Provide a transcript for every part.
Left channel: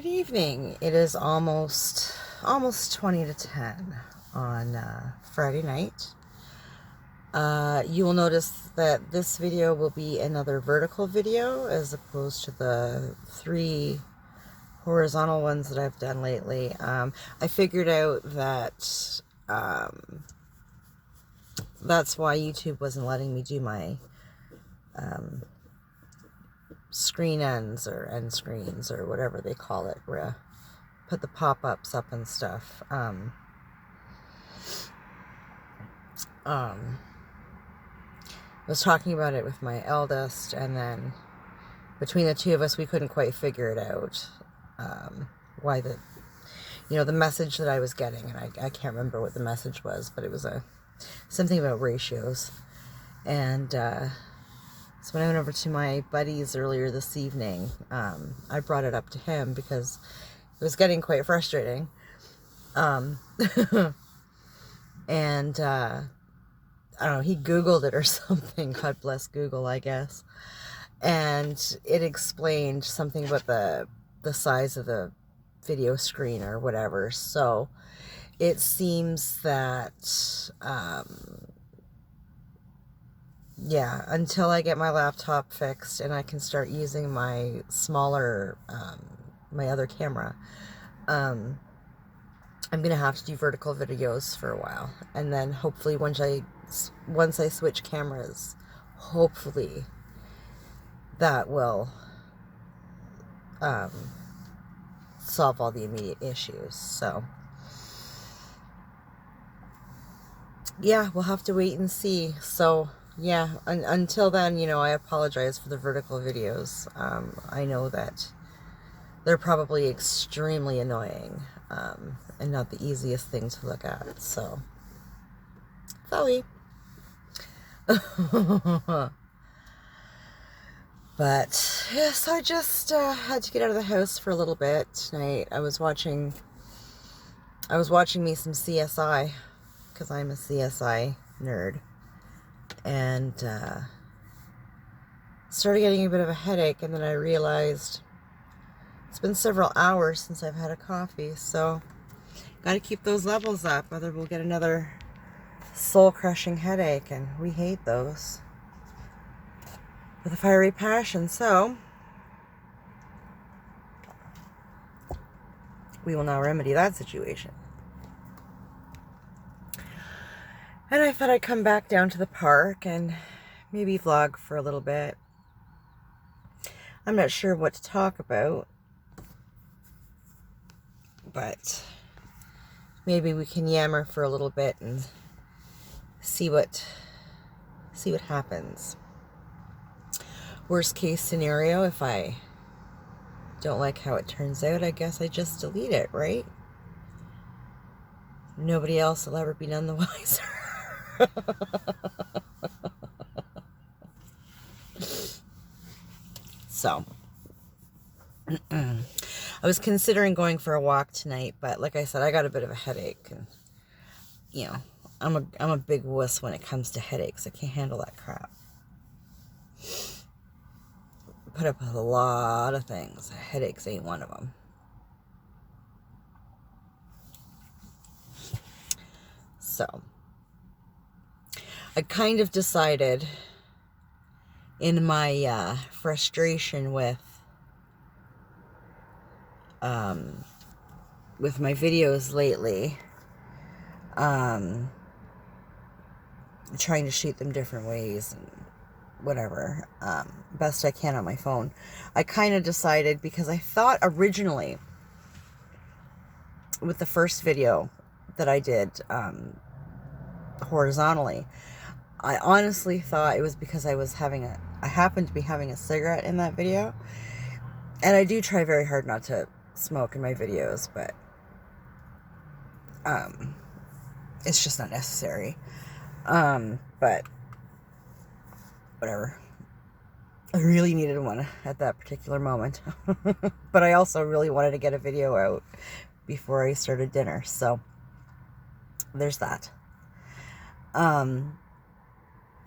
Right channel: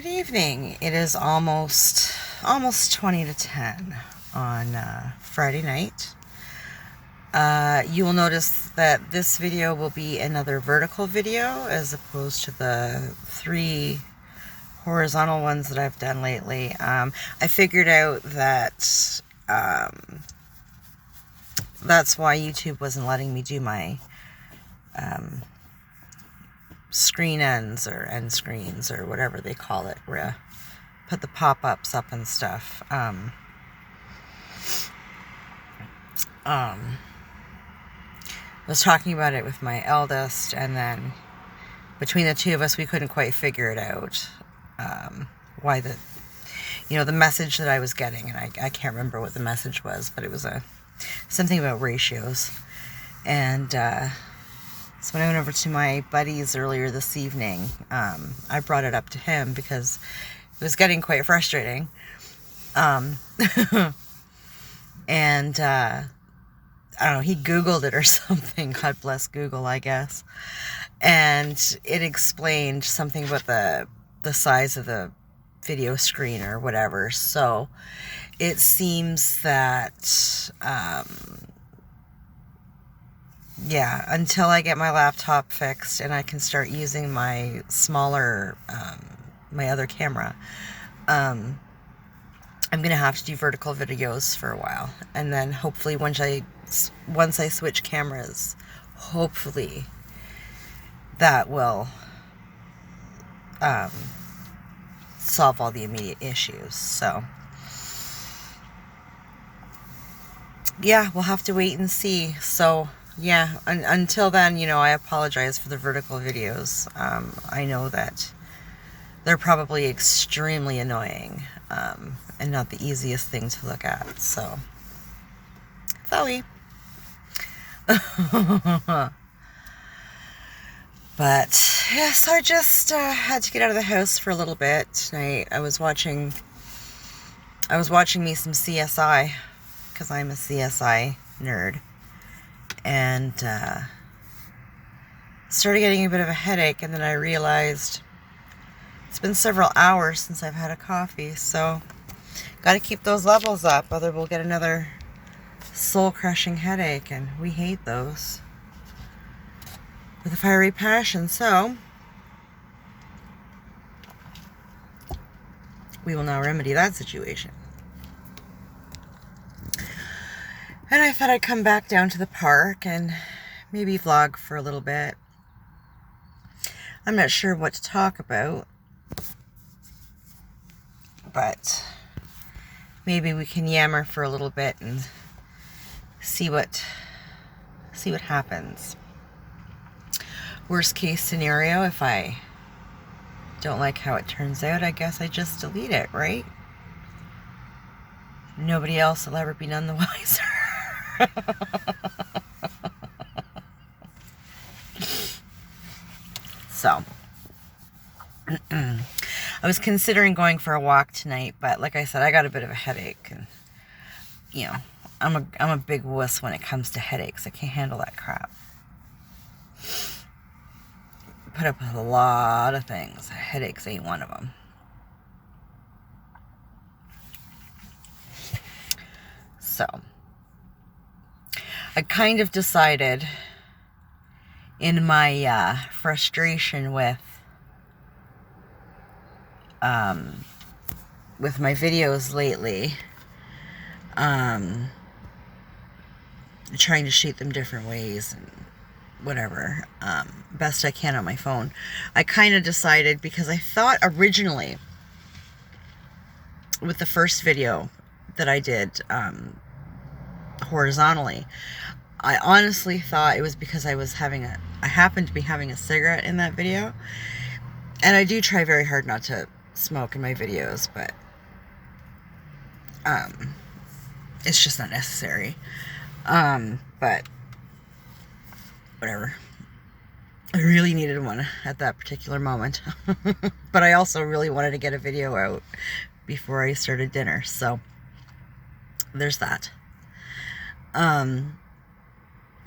Good evening. It is almost 20 to 10 on Friday night. You will notice that this video will be another vertical video as opposed to the 3 horizontal ones that I've done lately. I figured out that that's why YouTube wasn't letting me do my screen ends or end screens or whatever they call it, where put the pop-ups up and stuff. I was talking about it with my eldest, and then between the two of us we couldn't quite figure it out, why the message that I was getting, and I can't remember what the message was, but it was something about ratios. And so when I went over to my buddies earlier this evening, I brought it up to him because it was getting quite frustrating. And I don't know, he Googled it or something. God bless Google, I guess. And it explained something about the size of the video screen or whatever. So it seems that yeah, until I get my laptop fixed and I can start using my smaller, my other camera, I'm going to have to do vertical videos for a while. And then hopefully once I switch cameras, hopefully that will solve all the immediate issues. So yeah, we'll have to wait and see. So yeah, until then, I apologize for the vertical videos. I know that they're probably extremely annoying, and not the easiest thing to look at. So, sorry. But, yeah, so I just had to get out of the house for a little bit tonight. I was watching me some CSI, because I'm a CSI nerd. And started getting a bit of a headache, and then I realized it's been several hours since I've had a coffee, so got to keep those levels up, otherwise we'll get another soul-crushing headache, and we hate those with a fiery passion. So we will now remedy that situation. And I thought I'd come back down to the park and maybe vlog for a little bit. I'm not sure what to talk about, but maybe we can yammer for a little bit and see what happens. Worst case scenario, if I don't like how it turns out, I guess I just delete it, right? Nobody else will ever be none the wiser. So I was considering going for a walk tonight, but like I said, I got a bit of a headache, and I'm a big wuss when it comes to headaches. I can't handle that crap. Put up with a lot of things. Headaches ain't one of them. So I kind of decided, in my frustration with my videos lately, trying to shoot them different ways and whatever, best I can on my phone. I kind of decided, because I thought originally with the first video that I did horizontally, I honestly thought it was because I happened to be having a cigarette in that video. And I do try very hard not to smoke in my videos, but it's just not necessary. But whatever. I really needed one at that particular moment. But I also really wanted to get a video out before I started dinner, so there's that.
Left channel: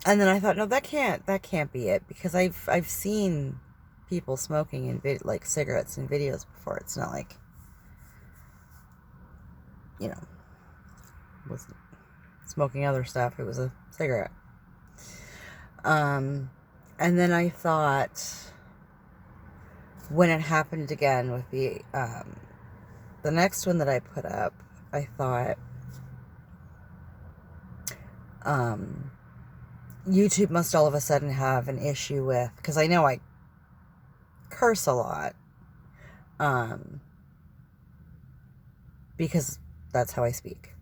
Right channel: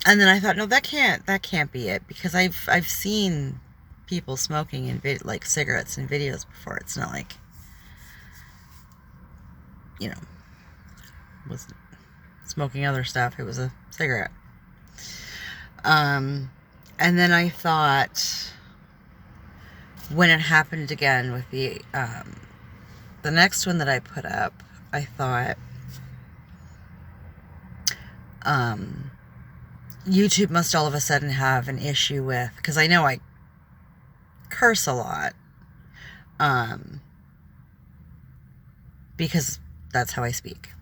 And then I thought, no, that can't be it, because I've seen people smoking in like cigarettes and videos before. It's not like, you know, was smoking other stuff. It was a cigarette. And then I thought, when it happened again with the next one that I put up, I thought, YouTube must all of a sudden have an issue with, because I know I curse a lot, because that's how I speak.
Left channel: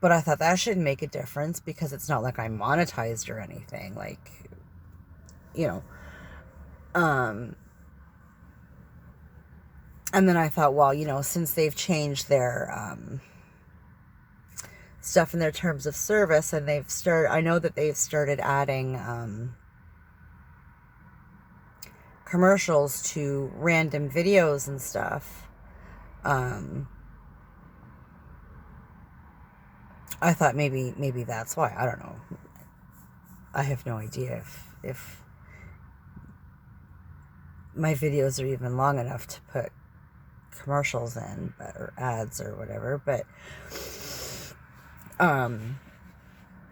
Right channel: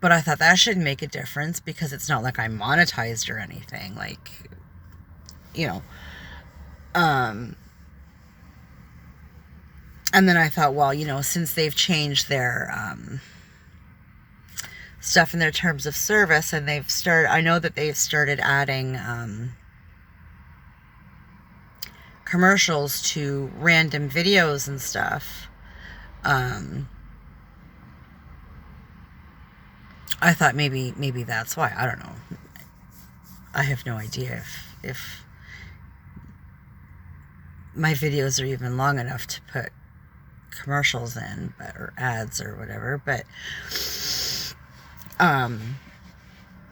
But I thought that shouldn't make a difference, because it's not like I'm monetized or anything, like, you know. And then I thought, well, you know, since they've changed their stuff in their terms of service, and I know that they've started adding commercials to random videos and stuff. I thought maybe that's why. I don't know. I have no idea if my videos are even long enough to put commercials in, or ads or whatever, but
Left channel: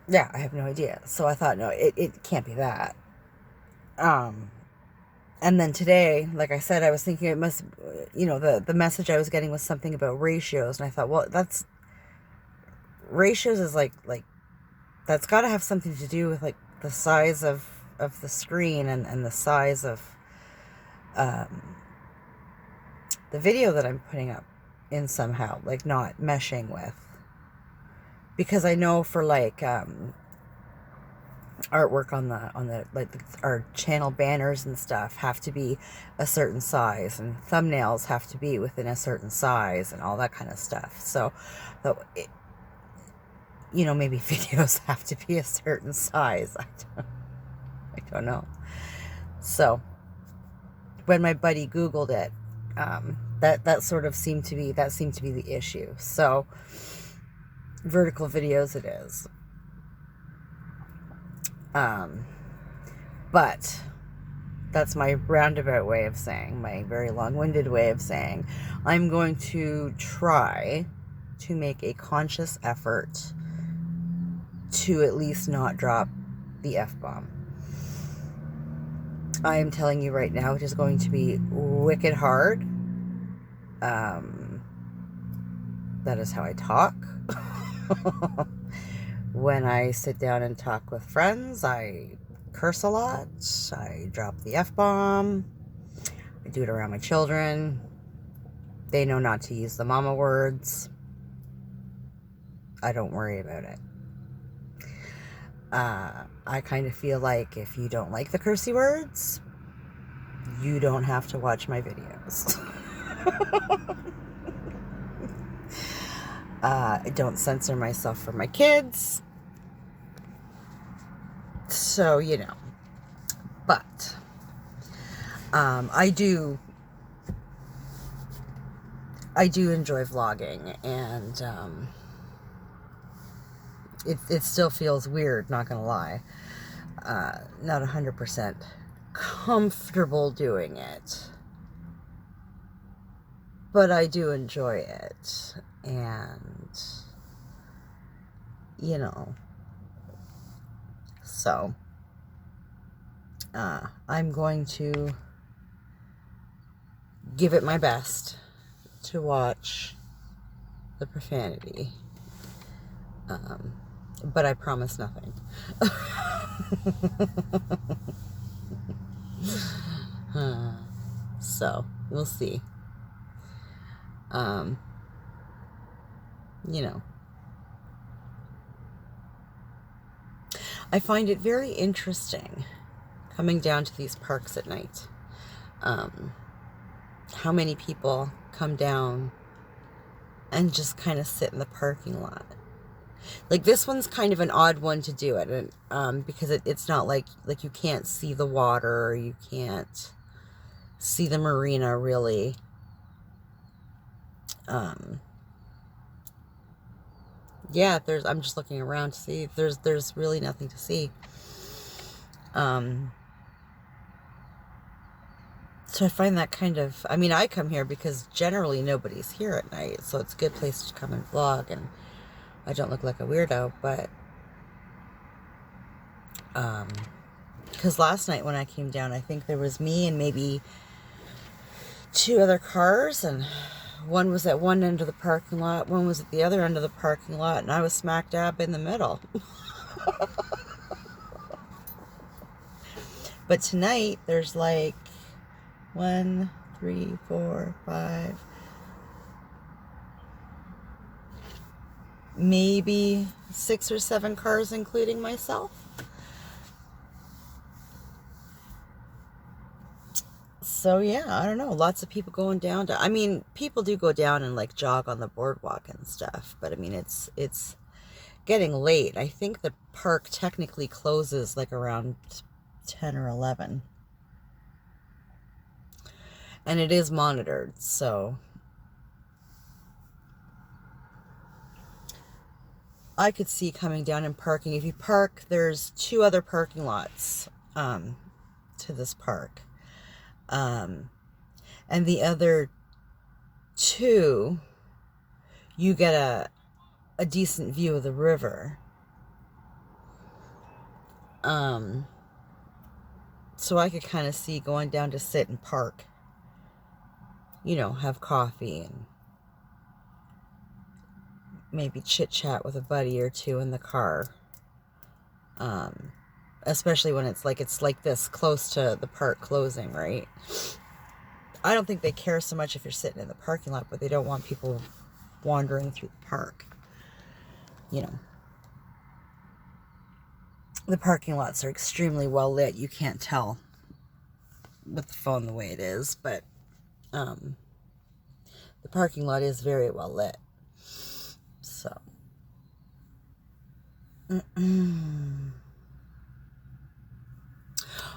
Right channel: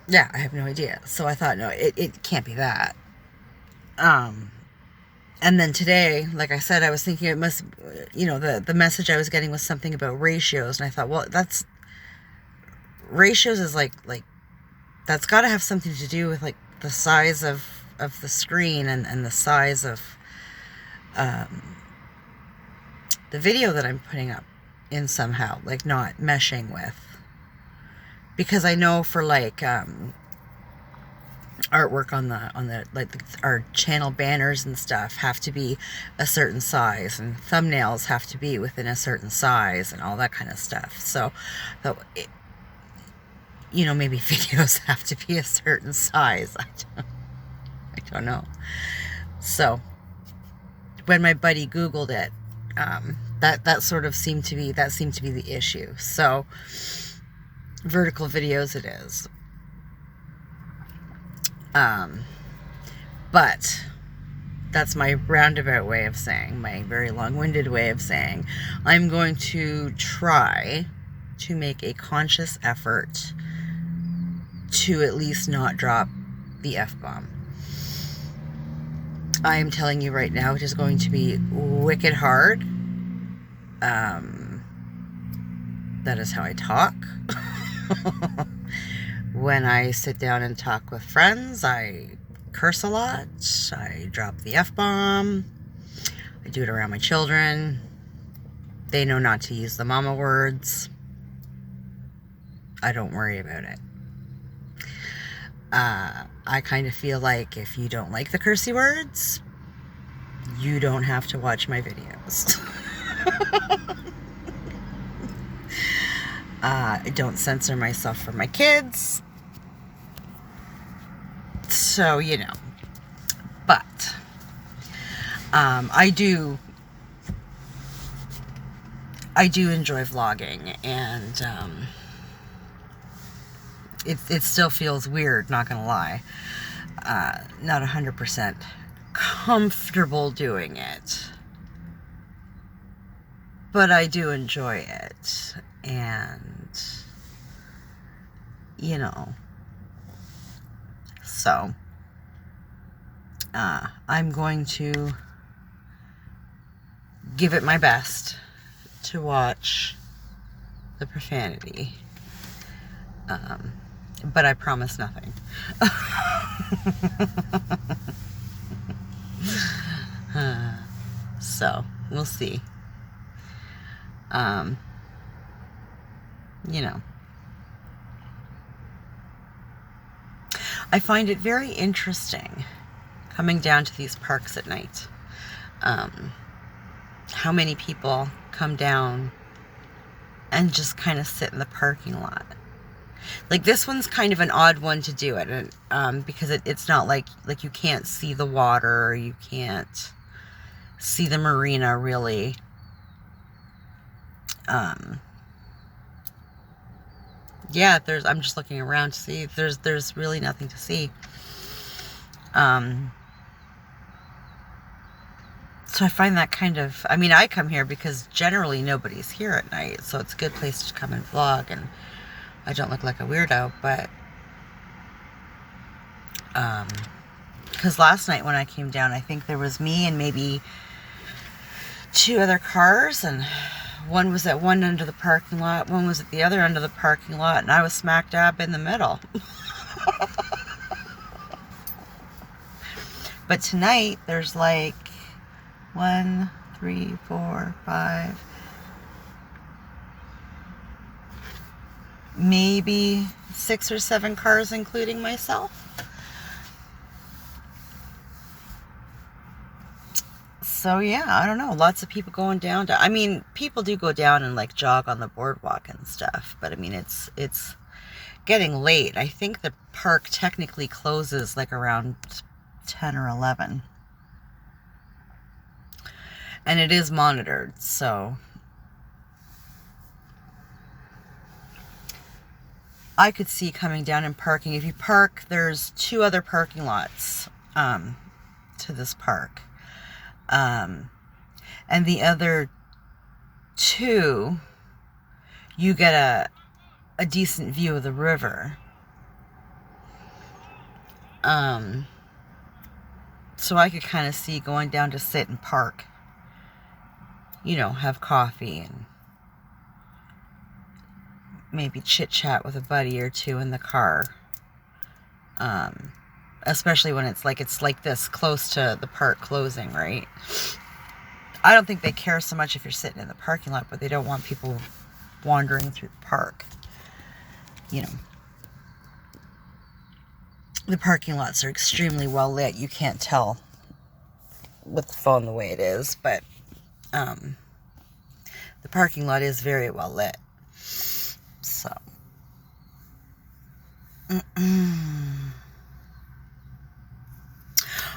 yeah, I have no idea. So I thought, no, it can't be that. And then today, like I said, I was thinking it must, you know, the message I was getting was something about ratios, and I thought, well, ratios is like that's got to have something to do with like the size of the screen and the size of the video that I'm putting up in somehow, like not meshing with. Because I know for like artwork on the like our channel banners and stuff have to be a certain size, and thumbnails have to be within a certain size, and all that kind of stuff. So, you know, maybe videos have to be a certain size. I don't know. So when my buddy Googled it, that sort of seemed to be the issue. So vertical videos it is. But that's my roundabout way of saying, my very long-winded way of saying, I'm going to try to make a conscious effort to at least not drop the F-bomb. I am telling you right now, it is going to be wicked hard. That is how I talk. When I sit down and talk with friends, I curse a lot. I drop the F-bomb. I do it around my children. They know not to use the mama words. I don't worry about it. I kind of feel like if you don't like the cursey words, you don't have to watch my videos. I don't censor myself for my kids. So, you know. But I do enjoy vlogging, and it still feels weird, not gonna lie. Not 100% comfortable doing it, but I do enjoy it, and you know, so I'm going to give it my best to watch the profanity, but I promise nothing. So we'll see. You know, I find it very interesting coming down to these parks at night. How many people come down and just kind of sit in the parking lot. Like, this one's kind of an odd one to do it, and because it's not like you can't see the water, or you can't see the marina really. Yeah, I'm just looking around to see. There's really nothing to see. So I find that kind of, I mean, I come here because generally nobody's here at night, so it's a good place to come and vlog, and I don't look like a weirdo, but, because last night when I came down, I think there was me and maybe 2 other cars, and one was at one end of the parking lot, one was at the other end of the parking lot, and I was smack dab in the middle. But tonight, there's like 1, 3, 4, 5, maybe 6 or 7 cars, including myself. So yeah, I don't know. Lots of people going down to, I mean, people do go down and like jog on the boardwalk and stuff, but I mean, it's getting late. I think the park technically closes like around 10 or 11. And it is monitored, so I could see coming down and parking. If you park, there's 2 other parking lots to this park. And the other 2, you get a decent view of the river. So I could kind of see going down to sit and park. You know, have coffee and maybe chit-chat with a buddy or 2 in the car. Especially when it's like this close to the park closing, right? I don't think they care so much if you're sitting in the parking lot, but they don't want people wandering through the park. You know, the parking lots are extremely well lit. You can't tell with the phone the way it is, but the parking lot is very well lit. So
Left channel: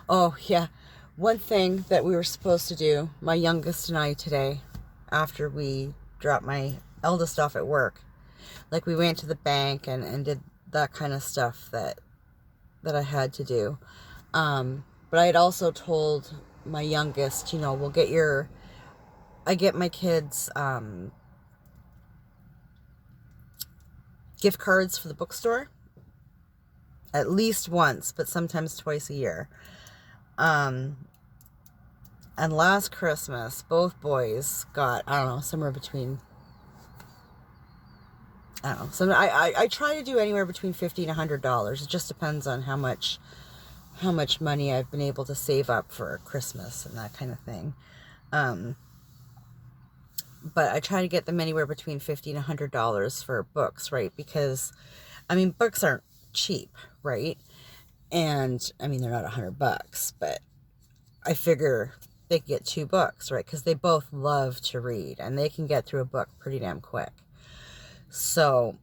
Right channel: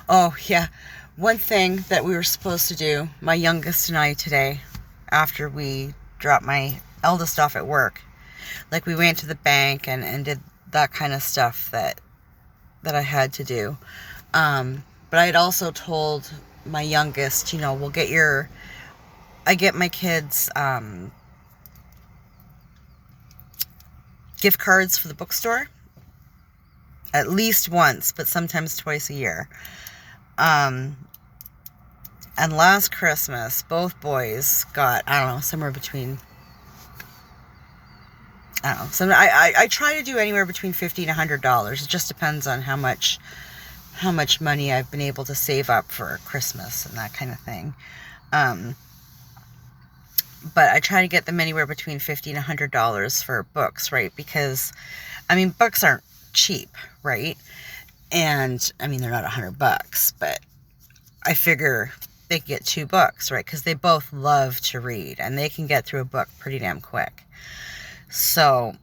oh yeah, one thing that we were supposed to do, my youngest and I, today, after we dropped my eldest off at work, like we went to the bank and did that kind of stuff that I had to do. But I had also told my youngest, you know, I get my kids gift cards for the bookstore at least once, but sometimes twice a year. And last Christmas, both boys got, I don't know, somewhere between, I don't know, I try to do anywhere between $50 and $100. It just depends on how much money I've been able to save up for Christmas and that kind of thing. But I try to get them anywhere between $50 and $100 for books, right? Because, I mean, books aren't cheap, right? And, I mean, they're not $100, but I figure they can get 2 books, right? Because they both love to read, and they can get through a book pretty damn quick. So,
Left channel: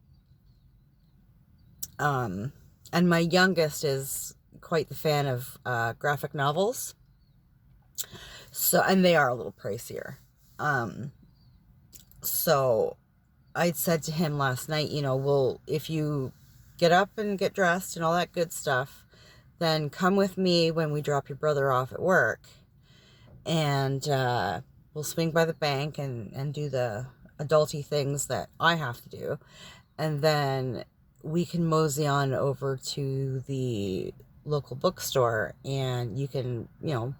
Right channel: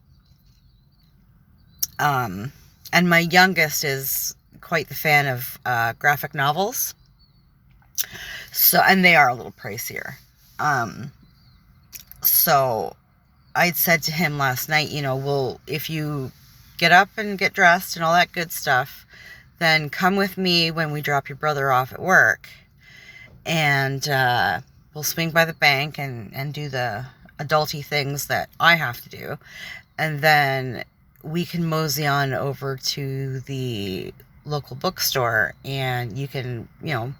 and my youngest is quite the fan of graphic novels. So, and they are a little pricier. So I'd said to him last night, you know, well, if you get up and get dressed and all that good stuff, then come with me when we drop your brother off at work, and we'll swing by the bank and do the adulty things that I have to do, and then we can mosey on over to the local bookstore, and you can, you know,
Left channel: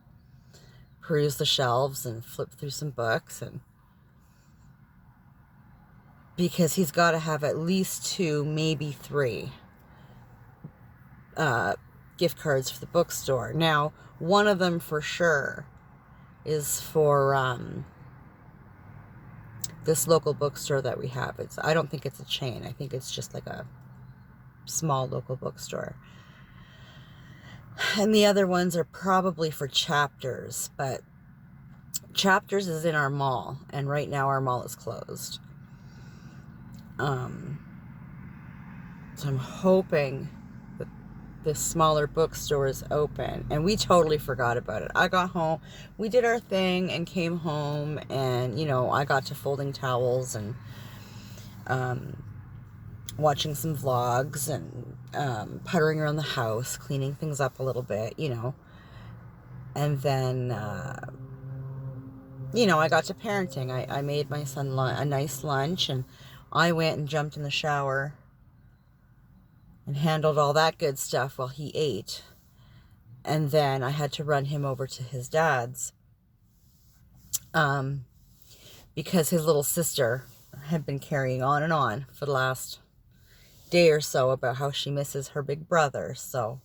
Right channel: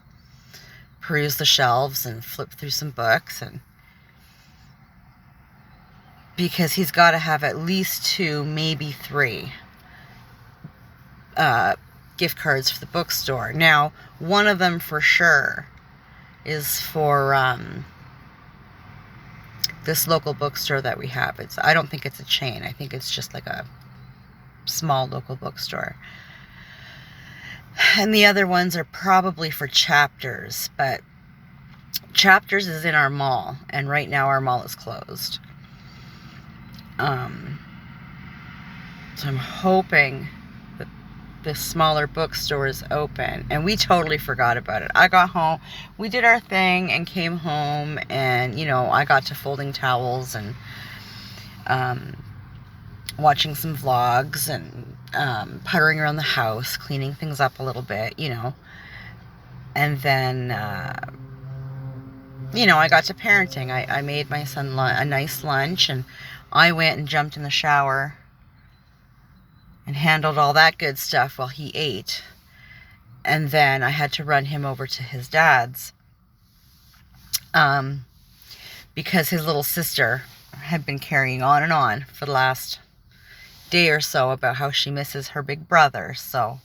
peruse the shelves and flip through some books, and because he's got to have at least 2, maybe 3 gift cards for the bookstore. Now, one of them for sure is for this local bookstore that we have. I don't think it's a chain. I think it's just like a small local bookstore. And the other ones are probably for Chapters, but Chapters is in our mall, and right now our mall is closed. So I'm hoping that this smaller bookstore is open, and we totally forgot about it. I got home, we did our thing and came home, and, you know, I got to folding towels and watching some vlogs and puttering around the house, cleaning things up a little bit, and then, I got to parenting. I made my son a nice lunch, and I went and jumped in the shower and handled all that good stuff while he ate. And then I had to run him over to his dad's, because his little sister had been carrying on for the last day or so about how she misses her big brother. So,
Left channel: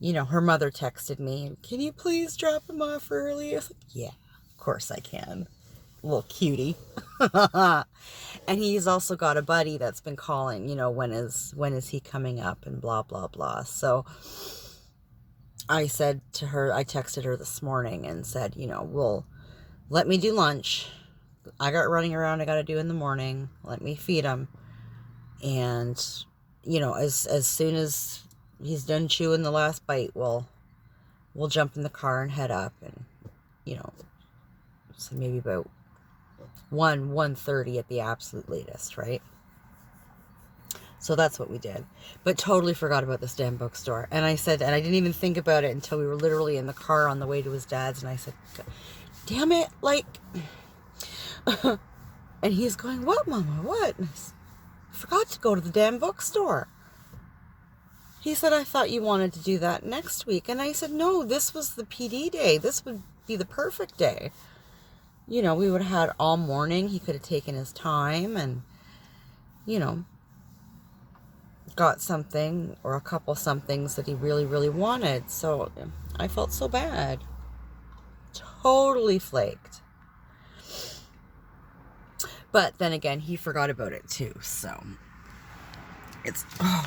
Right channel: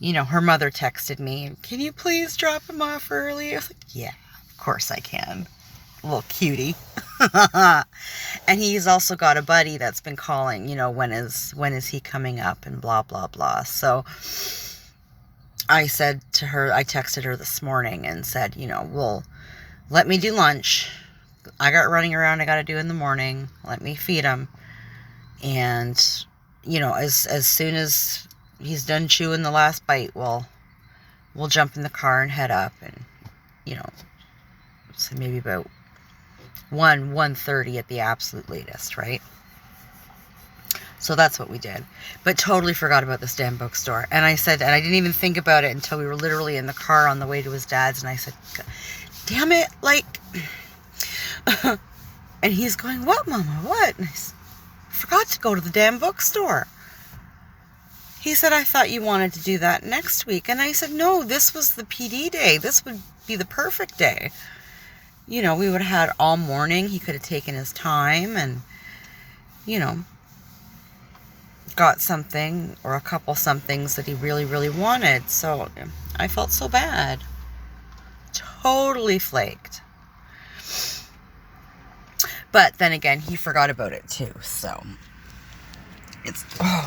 her mother texted me, "Can you please drop him off early?" I was like, "Yeah, of course I can." Little cutie. And he's also got a buddy that's been calling, when is he coming up, and blah, blah, blah. So I said to her, I texted her this morning and said, well, let me do lunch. I got running around I got to do in the morning. Let me feed him. And, as soon as he's done chewing the last bite, we'll jump in the car and head up, and, so maybe about 1:30 at the absolute latest, right? So that's what we did. But totally forgot about this damn bookstore. And I said, and I didn't even think about it until we were literally in the car on the way to his dad's, and I said, damn it, and he's going, "What, Mama, what?" And I said, "I forgot to go to the damn bookstore." He said, "I thought you wanted to do that next week." And I said, "No, this was the PD day. This would be the perfect day. We would have had all morning. He could have taken his time and, got something or a couple somethings that he really, really wanted." So I felt so bad. Totally flaked. But then again, he forgot about it too. So it's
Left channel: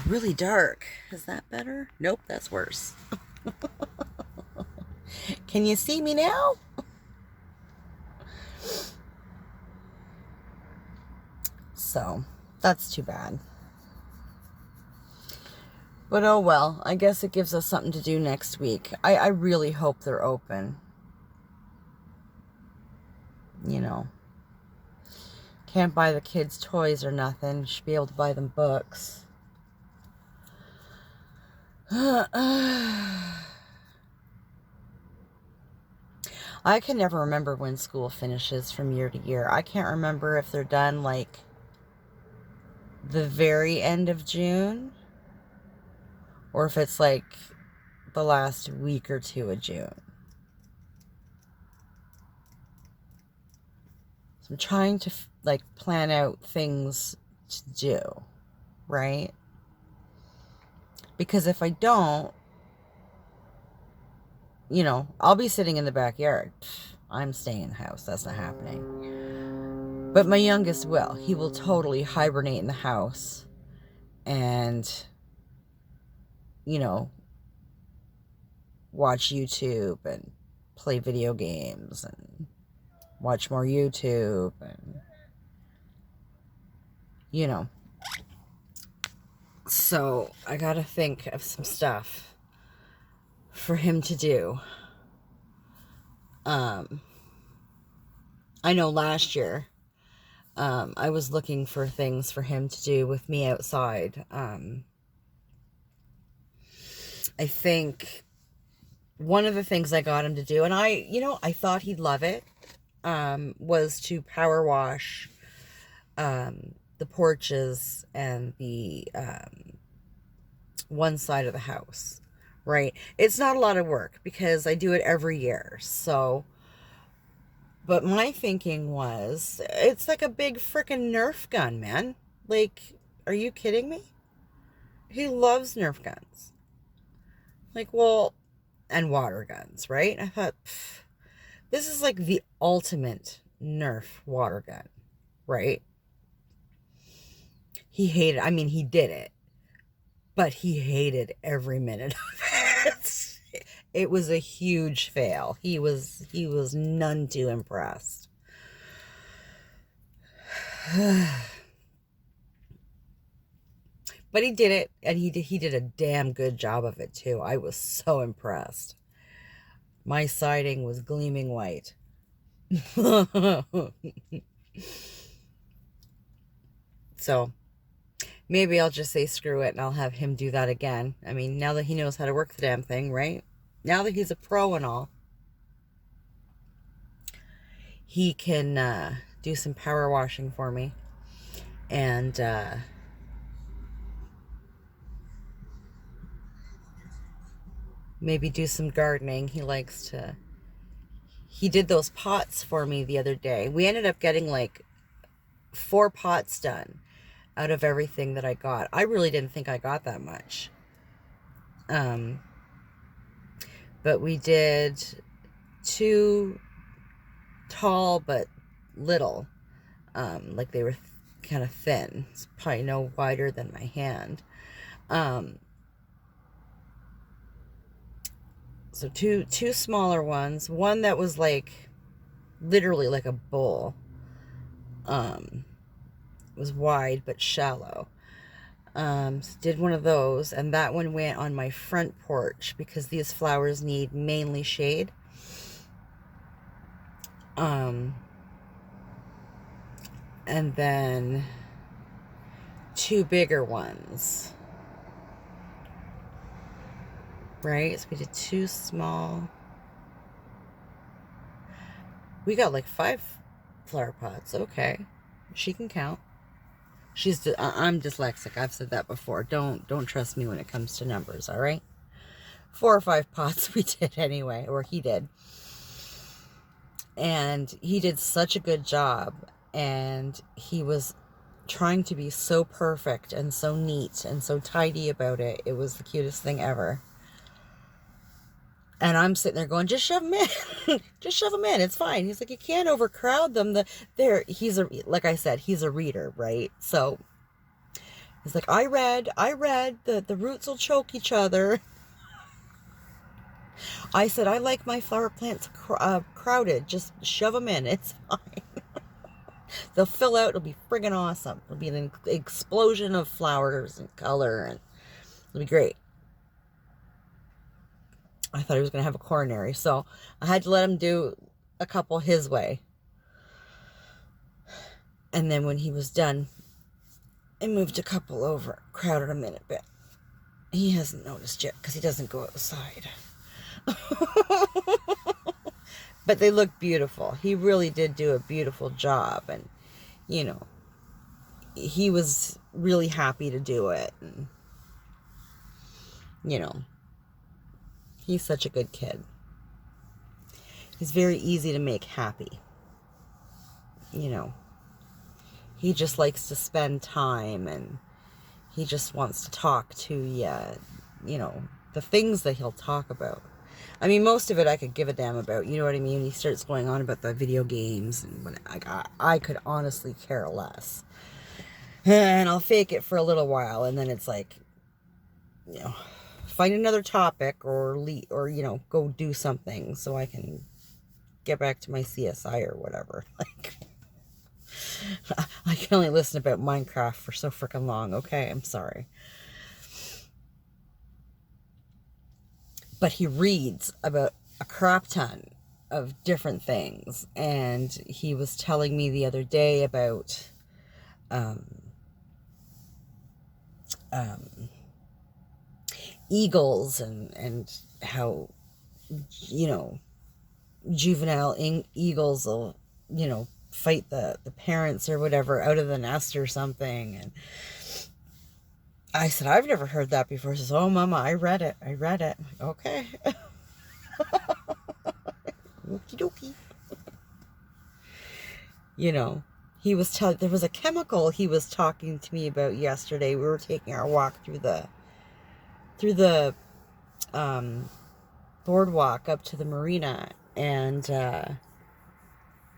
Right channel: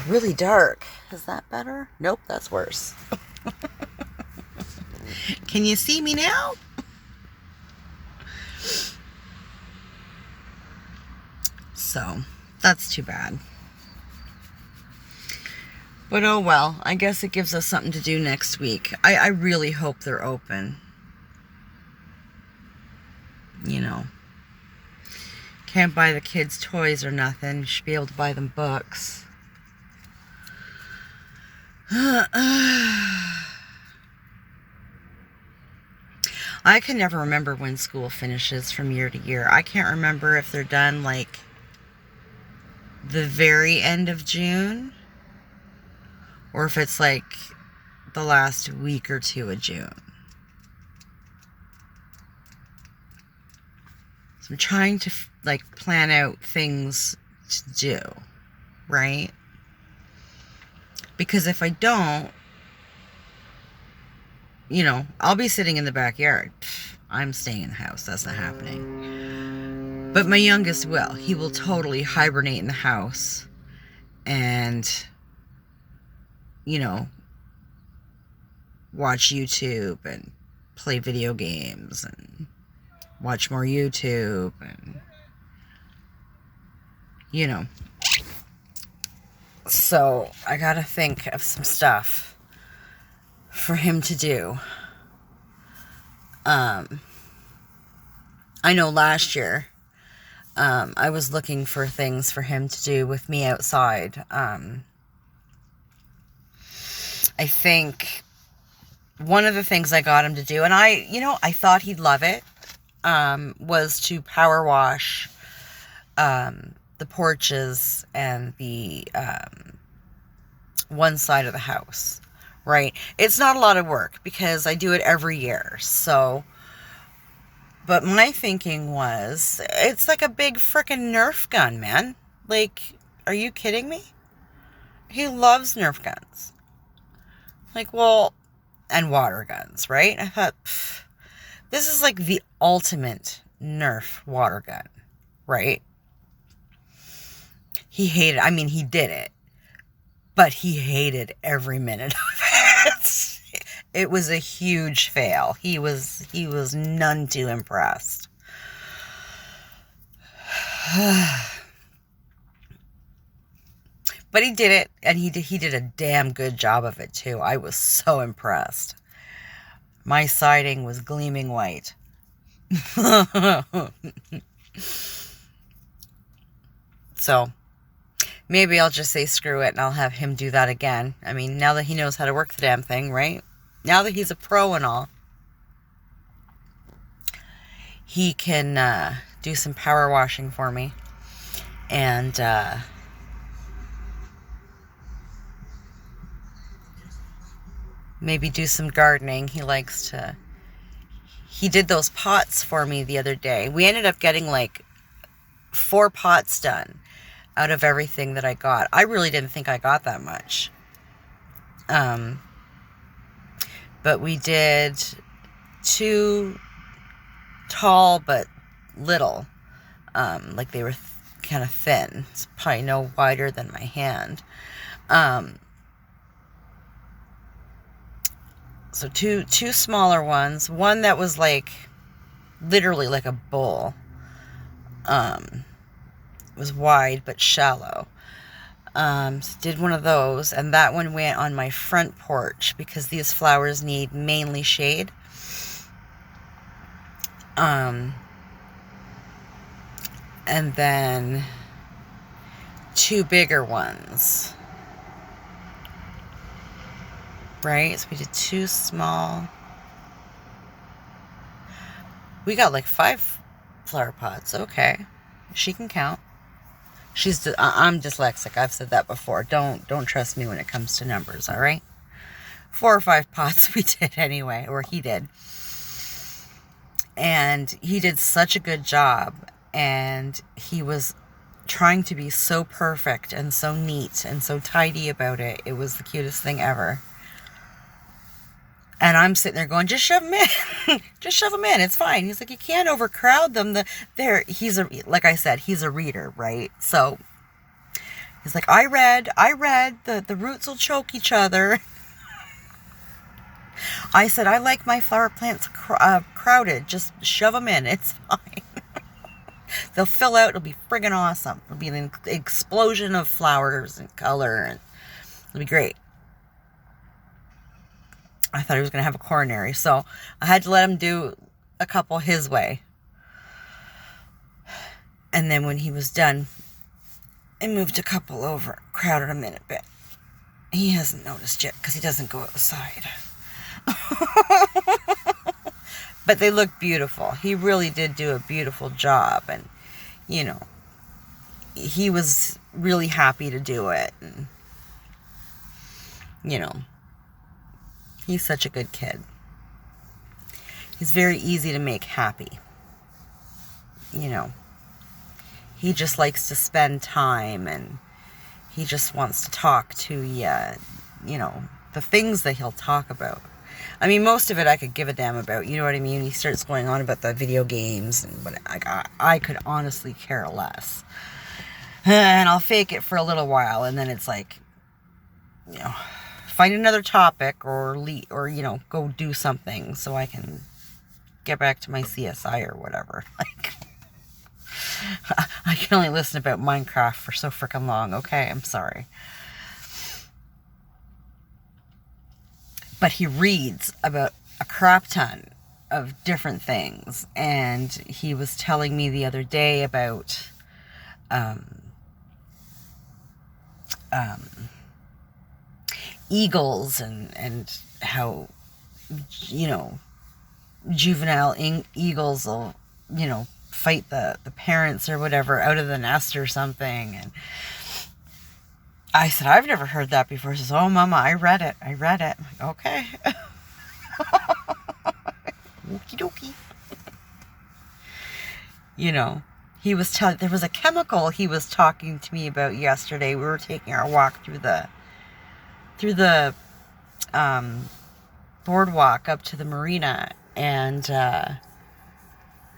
really dark. Is that better? Nope, that's worse. Can you see me now? So that's too bad. But oh well, I guess it gives us something to do next week. I really hope they're open. Can't buy the kids toys or nothing. You should be able to buy them books. I can never remember when school finishes from year to year. I can't remember if they're done the very end of June, or if it's the last week or two of June. So I'm trying to plan out things to do, right? Because if I don't, I'll be sitting in the backyard. I'm staying in the house. That's not happening. But my youngest will. He will totally hibernate in the house and, watch YouTube and play video games and watch more YouTube and, So I gotta think of some stuff for him to do. I know last year, I was looking for things for him to do with me outside. I think one of the things I got him to do, and I thought he'd love it, was to power wash, the porches and the, one side of the house, right? It's not a lot of work because I do it every year. So, but my thinking was, it's like a big frickin' Nerf gun, man. Are you kidding me? He loves Nerf guns. And water guns, right? I thought, this is the ultimate Nerf water gun, right? He hated, he did it, but he hated every minute of it. It was a huge fail. He was none too impressed. But he did it, and he did a damn good job of it too. I was so impressed. My siding was gleaming white. So Maybe I'll just say screw it and I'll have him do that again. I mean, now that he knows how to work the damn thing, right? Now that he's a pro and all, he can do some power washing for me. And maybe do some gardening. He did those pots for me the other day. We ended up getting like 4 pots done out of everything that I got. I really didn't think I got that much. But we did 2 tall but little. Like they were kind of thin. It's probably no wider than my hand. So two smaller ones. One that was like literally like a bowl. It was wide but shallow. So did one of those, and that one went on my front porch because these flowers need mainly shade. And then 2 bigger ones. Right? So we did 2 small. We got like 5 flower pots. Okay. She can count. I'm dyslexic. I've said that before. Don't trust me when it comes to numbers, all right? 4 or 5 pots we did anyway, or he did. And he did such a good job, and he was trying to be so perfect and so neat and so tidy about it. It was the cutest thing ever. And I'm sitting there going, just shove them in. Just shove them in. It's fine. He's like, you can't overcrowd them. Like I said, he's a reader, right? So he's like, I read, the roots will choke each other. I said, I like my flower plants crowded. Just shove them in. It's fine. They'll fill out. It'll be friggin' awesome. It'll be an explosion of flowers and color, and it'll be great. I thought he was going to have a coronary, so I had to let him do a couple his way. And then when he was done, I moved a couple over, crowded him in a bit. He hasn't noticed yet because he doesn't go outside. But they look beautiful. He really did do a beautiful job, and you know, he was really happy to do it. And you know, he's such a good kid. He's very easy to make happy. You know, he just likes to spend time, and he just wants to talk to you. You know, the things that he'll talk about. I mean, most of it I could give a damn about. You know what I mean? He starts going on about the video games, and I could honestly care less. And I'll fake it for a little while, and then it's like, you know, find another topic or you know, go do something so I can get back to my CSI or whatever. Like, I can only listen about Minecraft for so freaking long. Okay, I'm sorry. But he reads about a crap ton of different things, and he was telling me the other day about eagles and how, you know, juvenile eagles will, you know, fight the parents or whatever out of the nest or something. And I said, I've never heard that before. He says, oh, Mama, I read it. I'm like, okay. Okie dokie. You know, there was a chemical he was talking to me about yesterday. We were taking our walk through the boardwalk up to the marina, and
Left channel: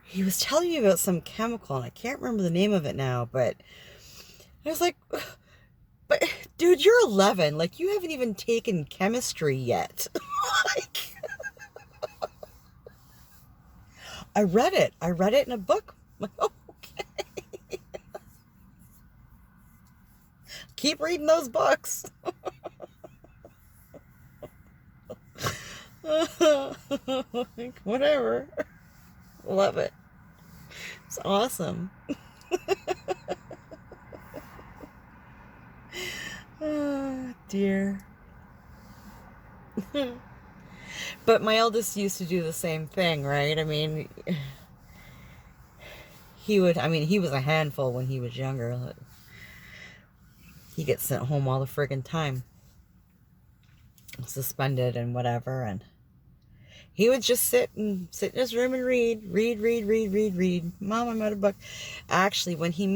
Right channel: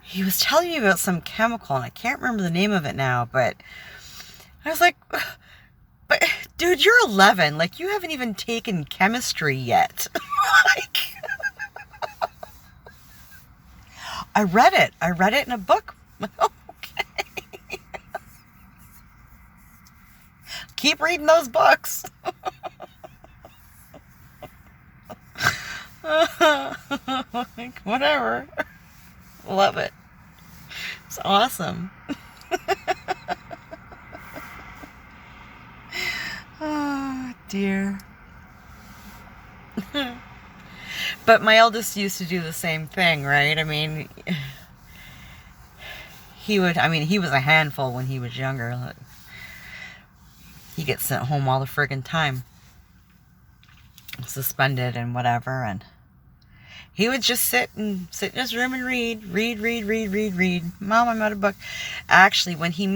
he was telling me about some chemical, and I can't remember the name of it now, but I was like, but dude, you're 11. Like, you haven't even taken chemistry yet. Like, I read it in a book. Okay. Keep reading those books. Like, whatever. Love it. It's awesome. Oh, dear. But my eldest used to do the same thing, right? I mean, he was a handful when he was younger. He gets sent home all the friggin' time, suspended and whatever, and he would just sit in his room and read. Mom, I'm out of book. Actually, when we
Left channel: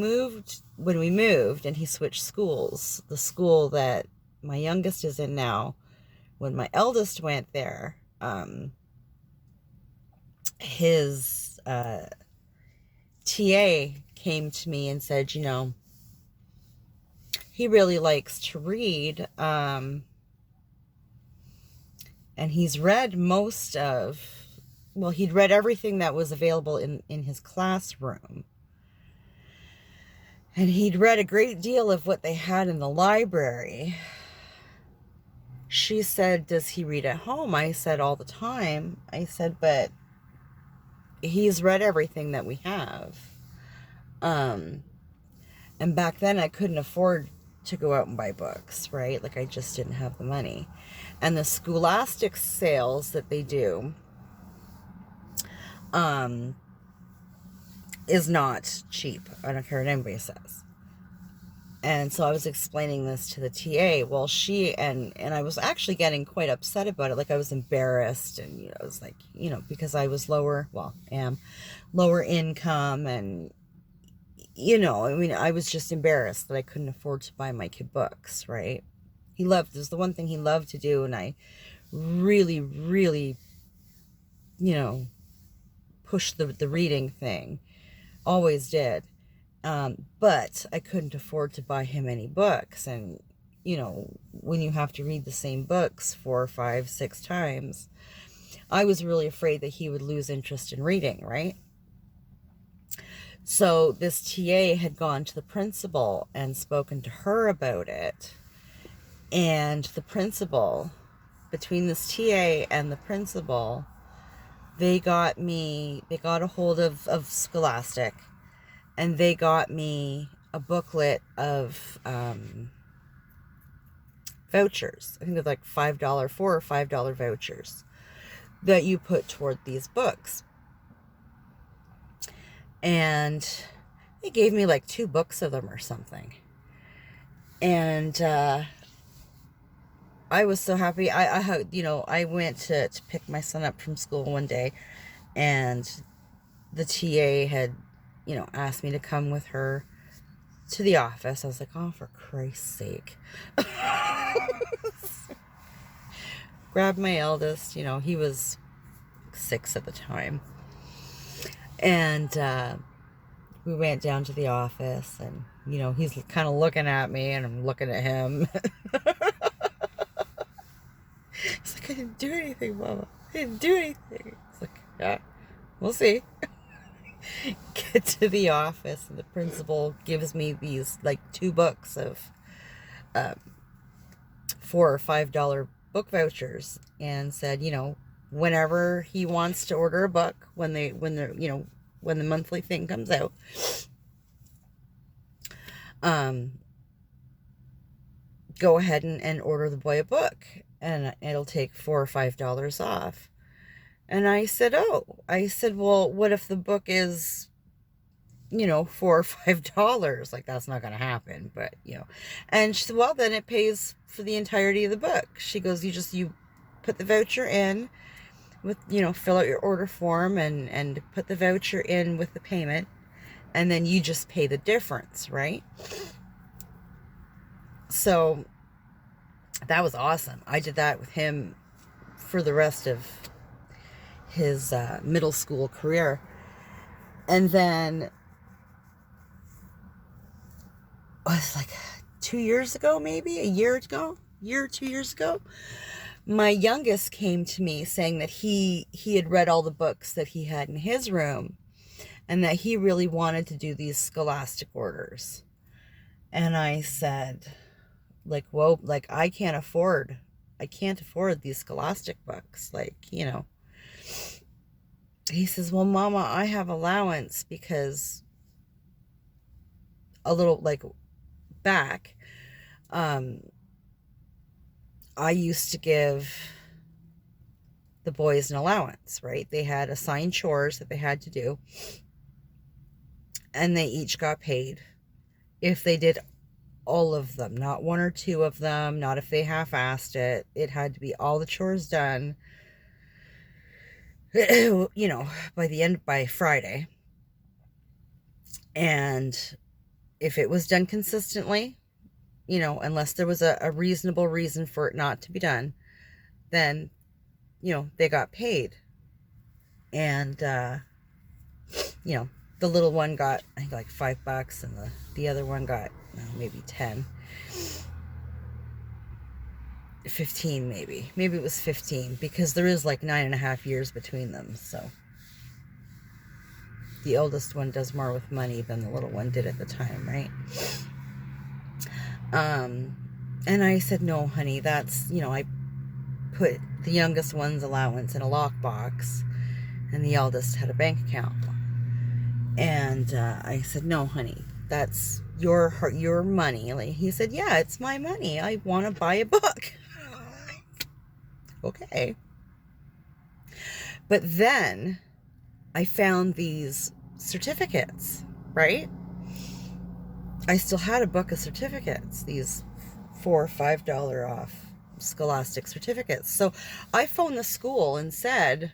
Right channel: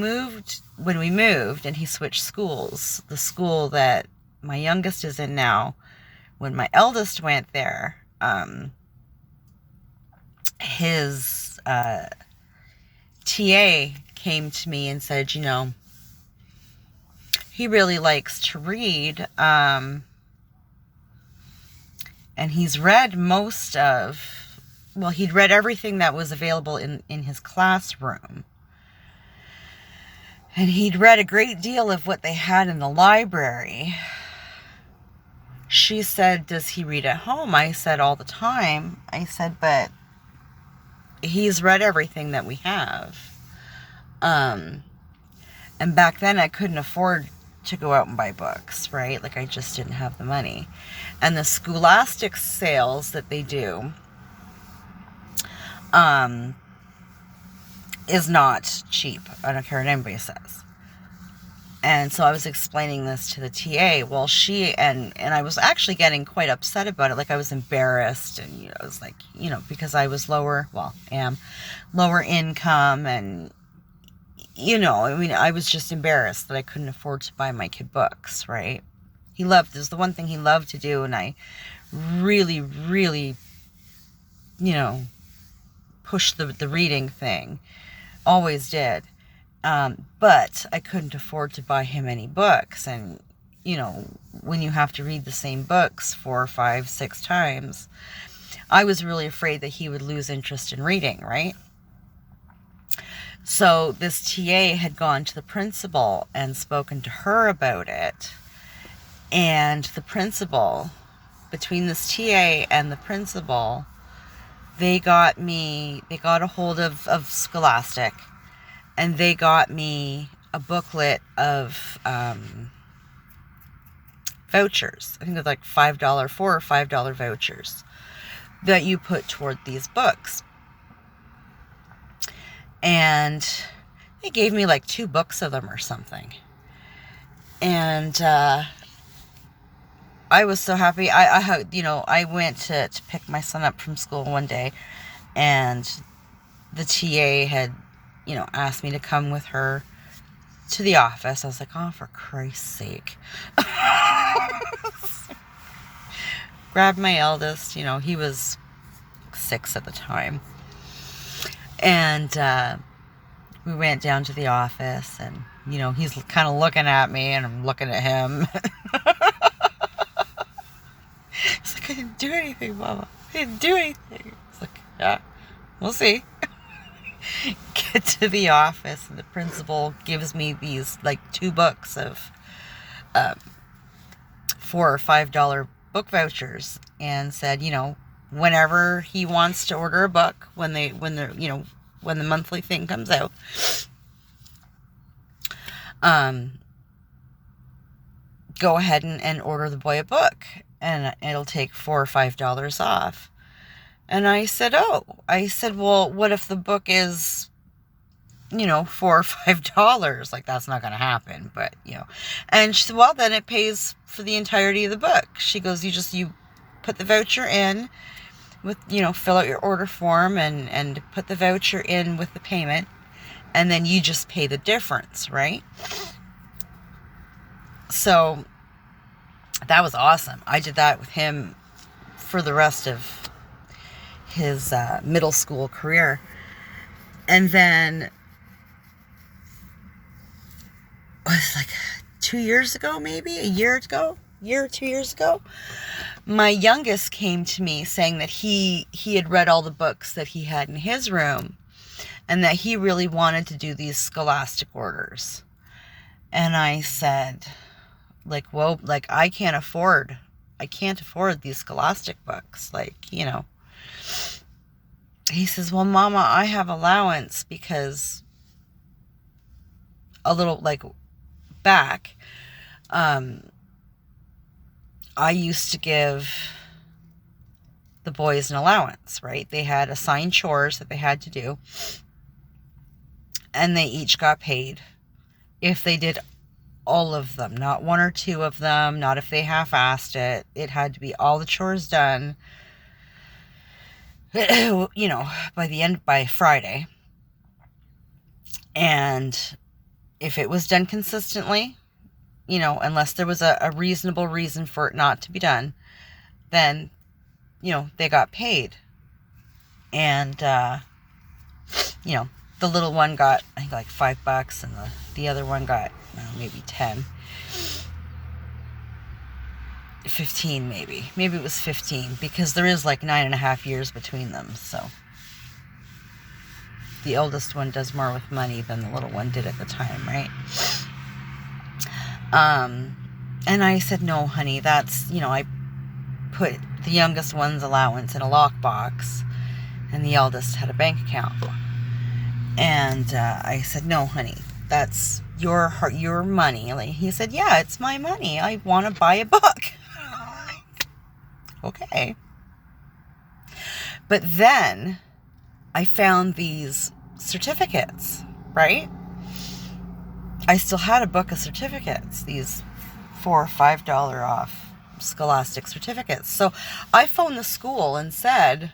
moved and he switched schools, the school that my youngest is in now, when my eldest went there, his TA came to me and said, he really likes to read, and he's read he'd read everything that was available in his classroom. And he'd read a great deal of what they had in the library. She said, does he read at home? I said, all the time. I said, but he's read everything that we have. And back then I couldn't afford to go out and buy books, right? Like, I just didn't have the money. And the Scholastic sales that they do is not cheap. I don't care what anybody says. And so I was explaining this to the TA. Well, she and I was actually getting quite upset about it. Like, I was embarrassed, and I was like, because I was lower income, and I was just embarrassed that I couldn't afford to buy my kid books, right? It was the one thing he loved to do, and I really, really, pushed the reading thing. Always did. But I couldn't afford to buy him any books. And, when you have to read the same books 4, 5, 6 times, I was really afraid that he would lose interest in reading, right? So this TA had gone to the principal and spoken to her about it. And the principal, between this TA and the principal, they got a hold of Scholastic, and they got me a booklet of vouchers. I think it's like $4 or $5 vouchers that you put toward these books. And they gave me like 2 books of them or something. And I was so happy. I went to pick my son up from school one day, and the TA had, asked me to come with her to the office. I was like, oh, for Christ's sake. Grabbed my eldest, he was 6 at the time. And we went down to the office, and, he's kind of looking at me, and I'm looking at him. He's like, I didn't do anything, Mama. I didn't do anything. It's like, yeah, we'll see. Get to the office, and the principal gives me these like 2 books of $4 or $5 book vouchers, and said, whenever he wants to order a book, when the monthly thing comes out, go ahead and order the boy a book, and it'll take $4 or $5 off. And I said, well, what if the book is, $4 or $5? Like, that's not going to happen, but, And she said, well, then it pays for the entirety of the book. She goes, you put the voucher in with, fill out your order form and put the voucher in with the payment, and then you just pay the difference, right? So that was awesome. I did that with him for the rest of his middle school career. And then it was like 2 years ago, maybe a year or 2 years ago, my youngest came to me saying that he had read all the books that he had in his room, and that he really wanted to do these Scholastic orders. And I said, like, well, like, I can't afford these Scholastic books. Like, He says, well, Mama, I have allowance, because a little, like, back, I used to give the boys an allowance, right? They had assigned chores that they had to do, and they each got paid if they did all of them, not one or two of them, not if they half-assed it. It had to be all the chores done, by Friday. And if it was done consistently, unless there was a reasonable reason for it not to be done, then, they got paid. And, the little one got, I think, like $5, and the other one got, maybe 10. 15, maybe. Maybe it was 15, because there is like 9.5 years between them, so. The oldest one does more with money than the little one did at the time, right? And I said, no, honey, that's, I put the youngest one's allowance in a lockbox, and the eldest had a bank account. And I said, no, honey, that's your money. Like, he said, yeah, it's my money. I want to buy a book. Okay. But then I found these certificates, right? I still had a book of certificates, these $4 or $5 off Scholastic certificates. So I phoned the school and said,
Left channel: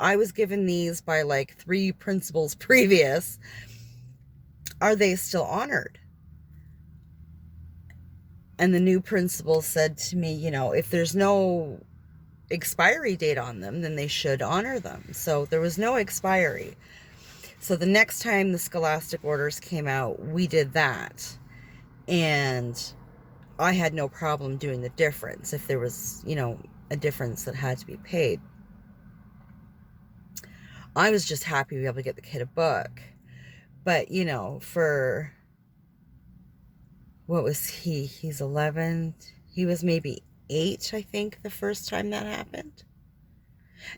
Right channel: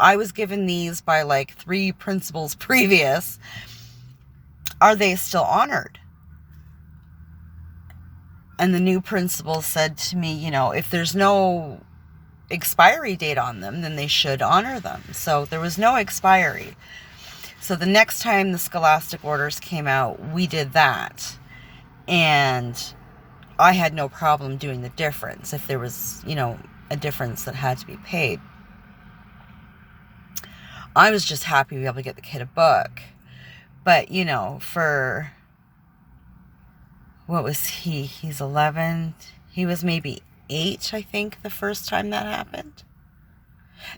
I was given these by like 3 principals previous. Are they still honored? And the new principal said to me, if there's no expiry date on them, then they should honor them. So there was no expiry. So the next time the Scholastic orders came out, we did that. And I had no problem doing the difference if there was, a difference that had to be paid. I was just happy to be able to get the kid a book. But, for, what was he? He's 11. He was maybe 8, I think, the first time that happened.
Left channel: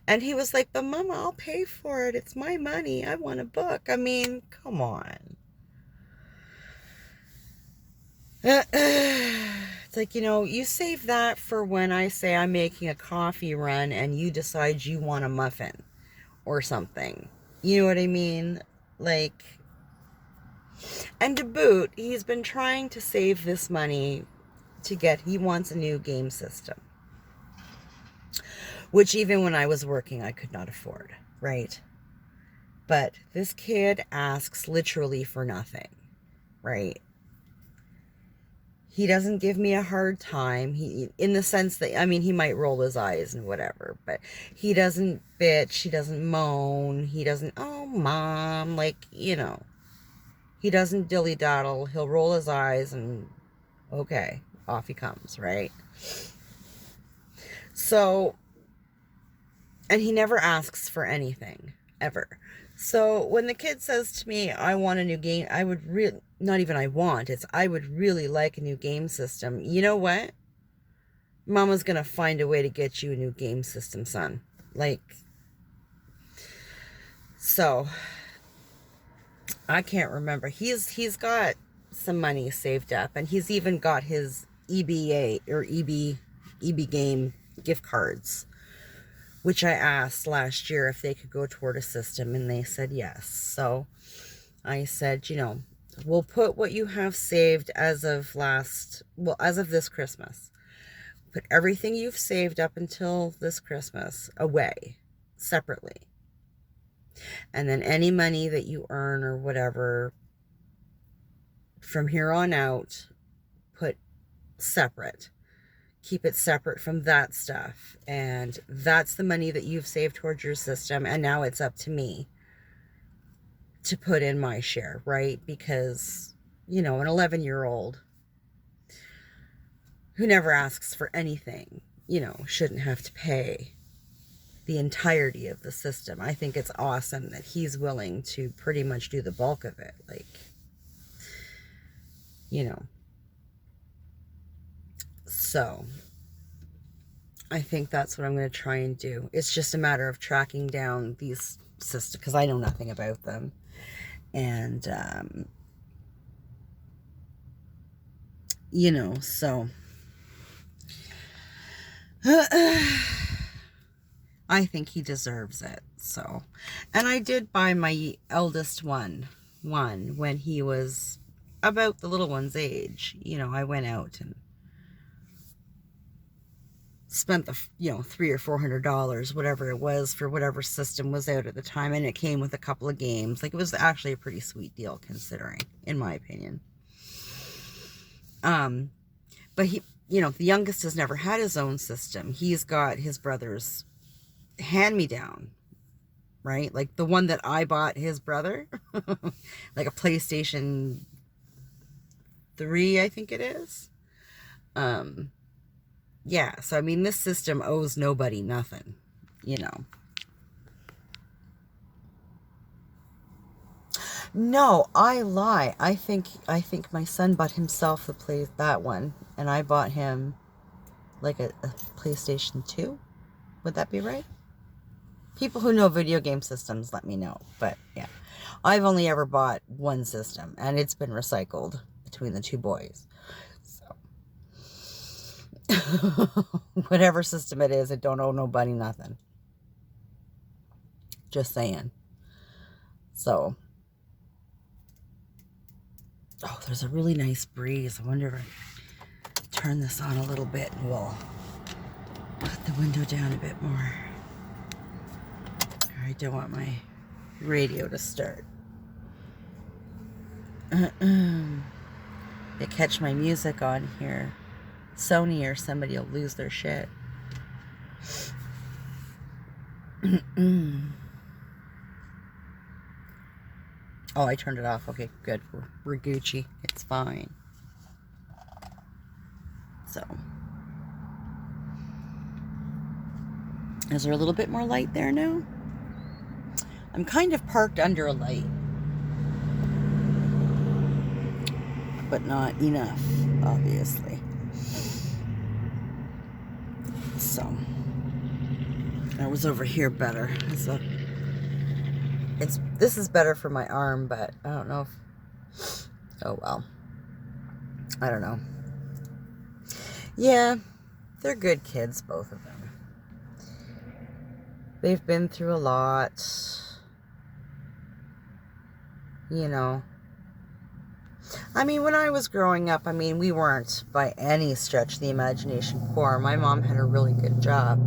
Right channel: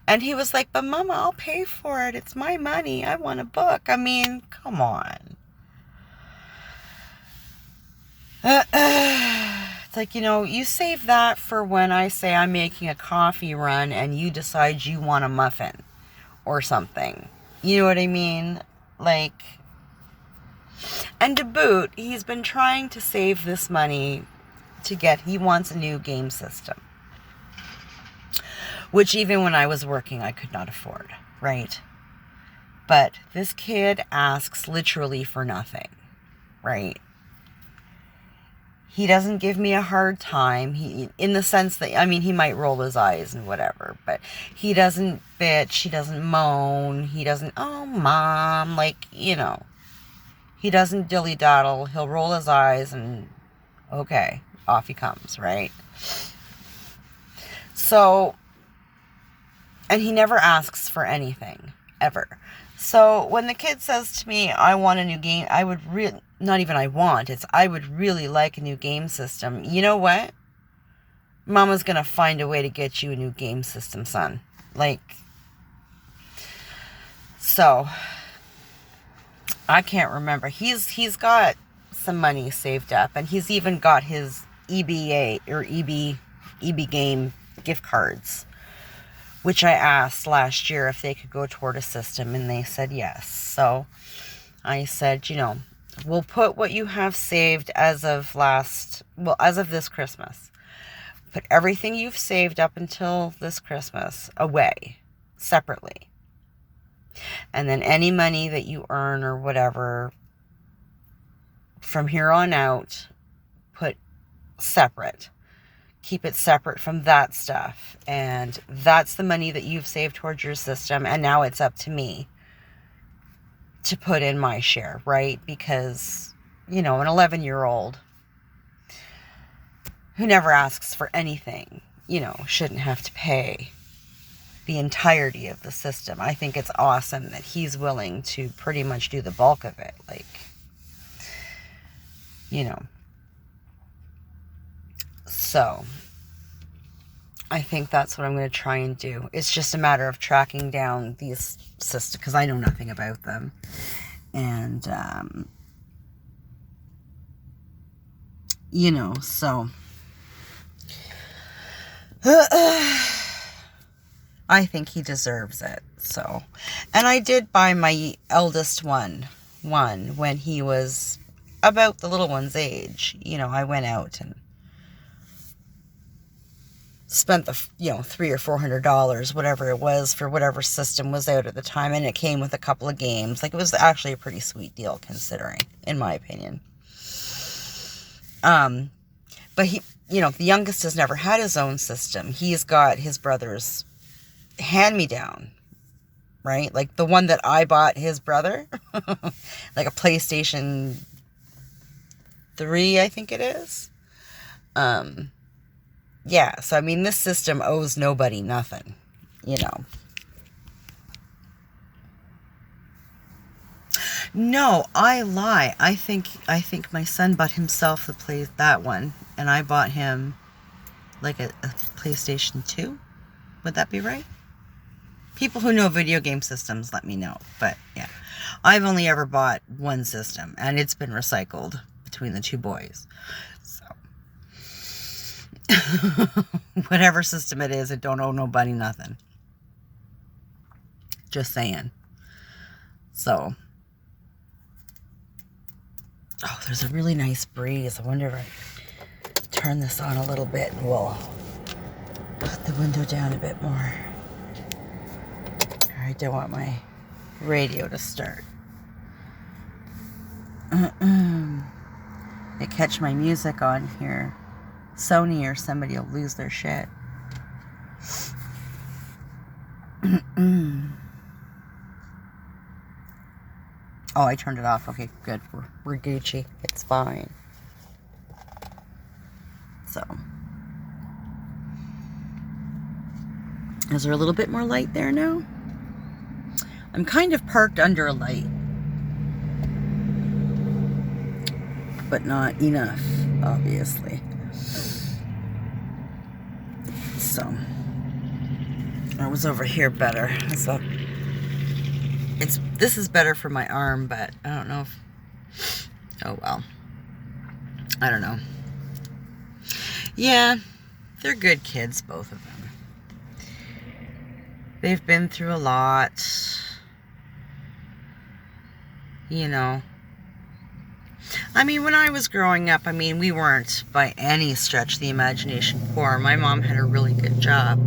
And he was like, but Mama, I'll pay for it. It's my money. I want a book. I mean, come on. It's like, you save that for when I say I'm making a coffee run and you decide you want a muffin or something. You know what I mean? Like, and to boot, he's been trying to save this money he wants a new game system. Which even when I was working, I could not afford, right? But this kid asks literally for nothing, right? He doesn't give me a hard time. In the sense that, he might roll his eyes and whatever, but he doesn't bitch, he doesn't moan, he doesn't, oh, Mom, he doesn't dilly-daddle. He'll roll his eyes and, okay, off he comes, right? So, and he never asks for anything, ever. So when the kid says to me, I want a new game, I would I would really like a new game system. You know what? Mama's going to find a way to get you a new game system, son. So, I can't remember. He's got some money saved up, and he's even got his EBA or EB game gift cards, which I asked last year if they could go toward a system, and they said yes. So I said, we'll put what you have saved as of this Christmas. Put everything you've saved up until this Christmas away separately. And then any money that you earn or whatever from here on out, put separate. Keep it separate from that stuff. And that's the money that you've saved towards your system. And now it's up to me to put in my share, right? Because, an 11-year-old who never asks for anything, shouldn't have to pay the entirety of the system. I think it's awesome that he's willing to pretty much do the bulk of it. So I think that's what I'm going to try and do. It's just a matter of tracking down these systems, because I know nothing about them. And you know, so I think he deserves it. So, and I did buy my eldest one when he was about the little one's age. You know, I went out and spent the, $300 or $400, whatever it was, for whatever system was out at the time, and it came with a couple of games. Like, it was actually a pretty sweet deal, considering, in my opinion. But he, the youngest has never had his own system. He's got his brother's hand-me-down, right? Like the one that I bought his brother, like a PlayStation 3, I think it is. Yeah, so I mean, this system owes nobody nothing, No, I lie. I think my son bought himself that one, and I bought him like a PlayStation 2. Would that be right? People who know video game systems, let me know. But yeah, I've only ever bought one system, and it's been recycled between the two boys. So whatever system it is, it don't owe nobody nothing. Just saying. So, oh, there's a really nice breeze. I wonder if I turn this on a little bit and we'll put the window down a bit more. I don't want my radio to start. They catch my music on here, Sony or somebody will lose their shit. Oh, I turned it off. Okay, good. We're Gucci. It's fine. So, is there a little bit more light there now? I'm kind of parked under a light, but not enough, obviously. So, I was over here better. So, this is better for my arm, but I don't know if, oh well. I don't know. Yeah, they're good kids, both of them. They've been through a lot. I mean, when I was growing up, we weren't by any stretch of the imagination poor. My mom had a really good job.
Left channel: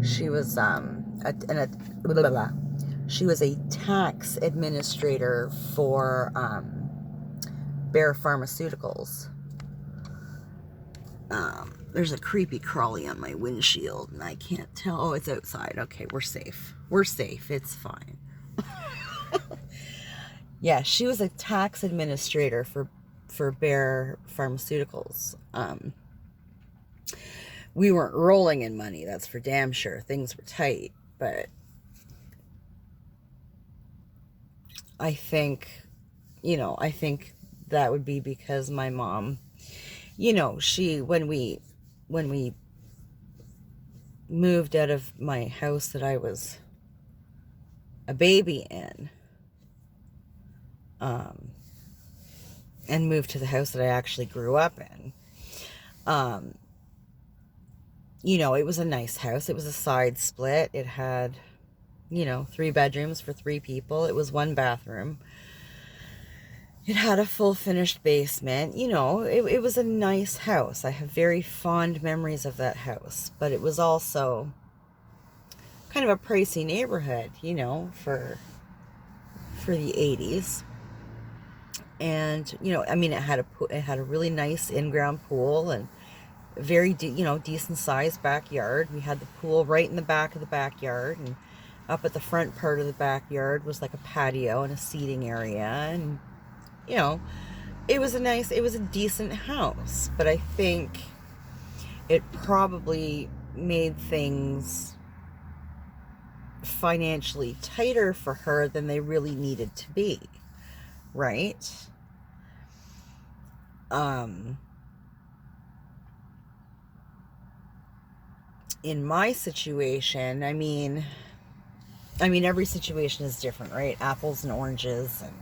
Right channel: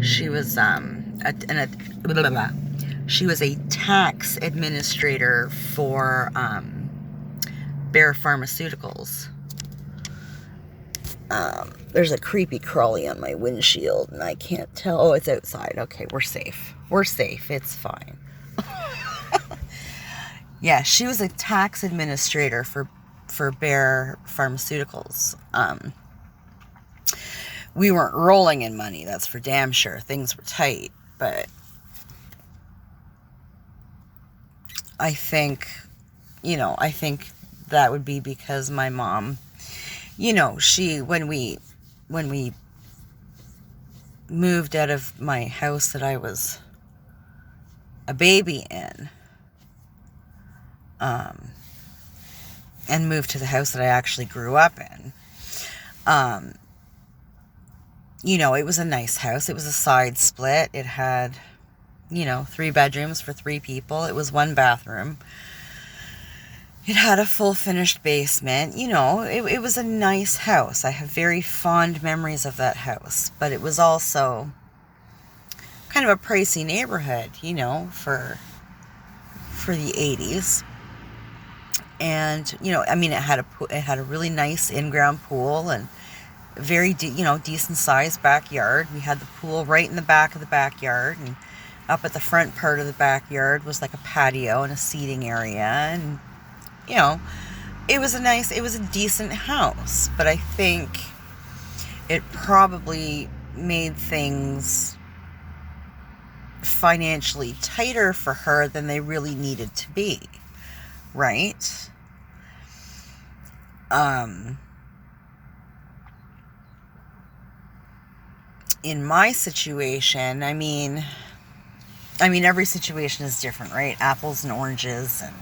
She was she was a tax administrator for Bayer Pharmaceuticals. There's a creepy crawly on my windshield, and I can't tell. Oh, it's outside. Okay, we're safe. We're safe. It's fine. Yeah, she was a tax administrator for Bayer Pharmaceuticals. We weren't rolling in money, that's for damn sure. Things were tight, but I think that would be because my mom, when we moved out of my house that I was a baby in, and moved to the house that I actually grew up in, it was a nice house. It was a side split. It had, 3 bedrooms for 3 people. It was 1 bathroom. It had a full finished basement. It was a nice house. I have very fond memories of that house, but it was also kind of a pricey neighborhood, for the 80s. And, it had a really nice in-ground pool and very, decent sized backyard. We had the pool right in the back of the backyard, and up at the front part of the backyard was like a patio and a seating area. And, it was a decent house, but I think it probably made things financially tighter for her than they really needed to be. Right? In my situation, every situation is different, right? Apples and oranges, and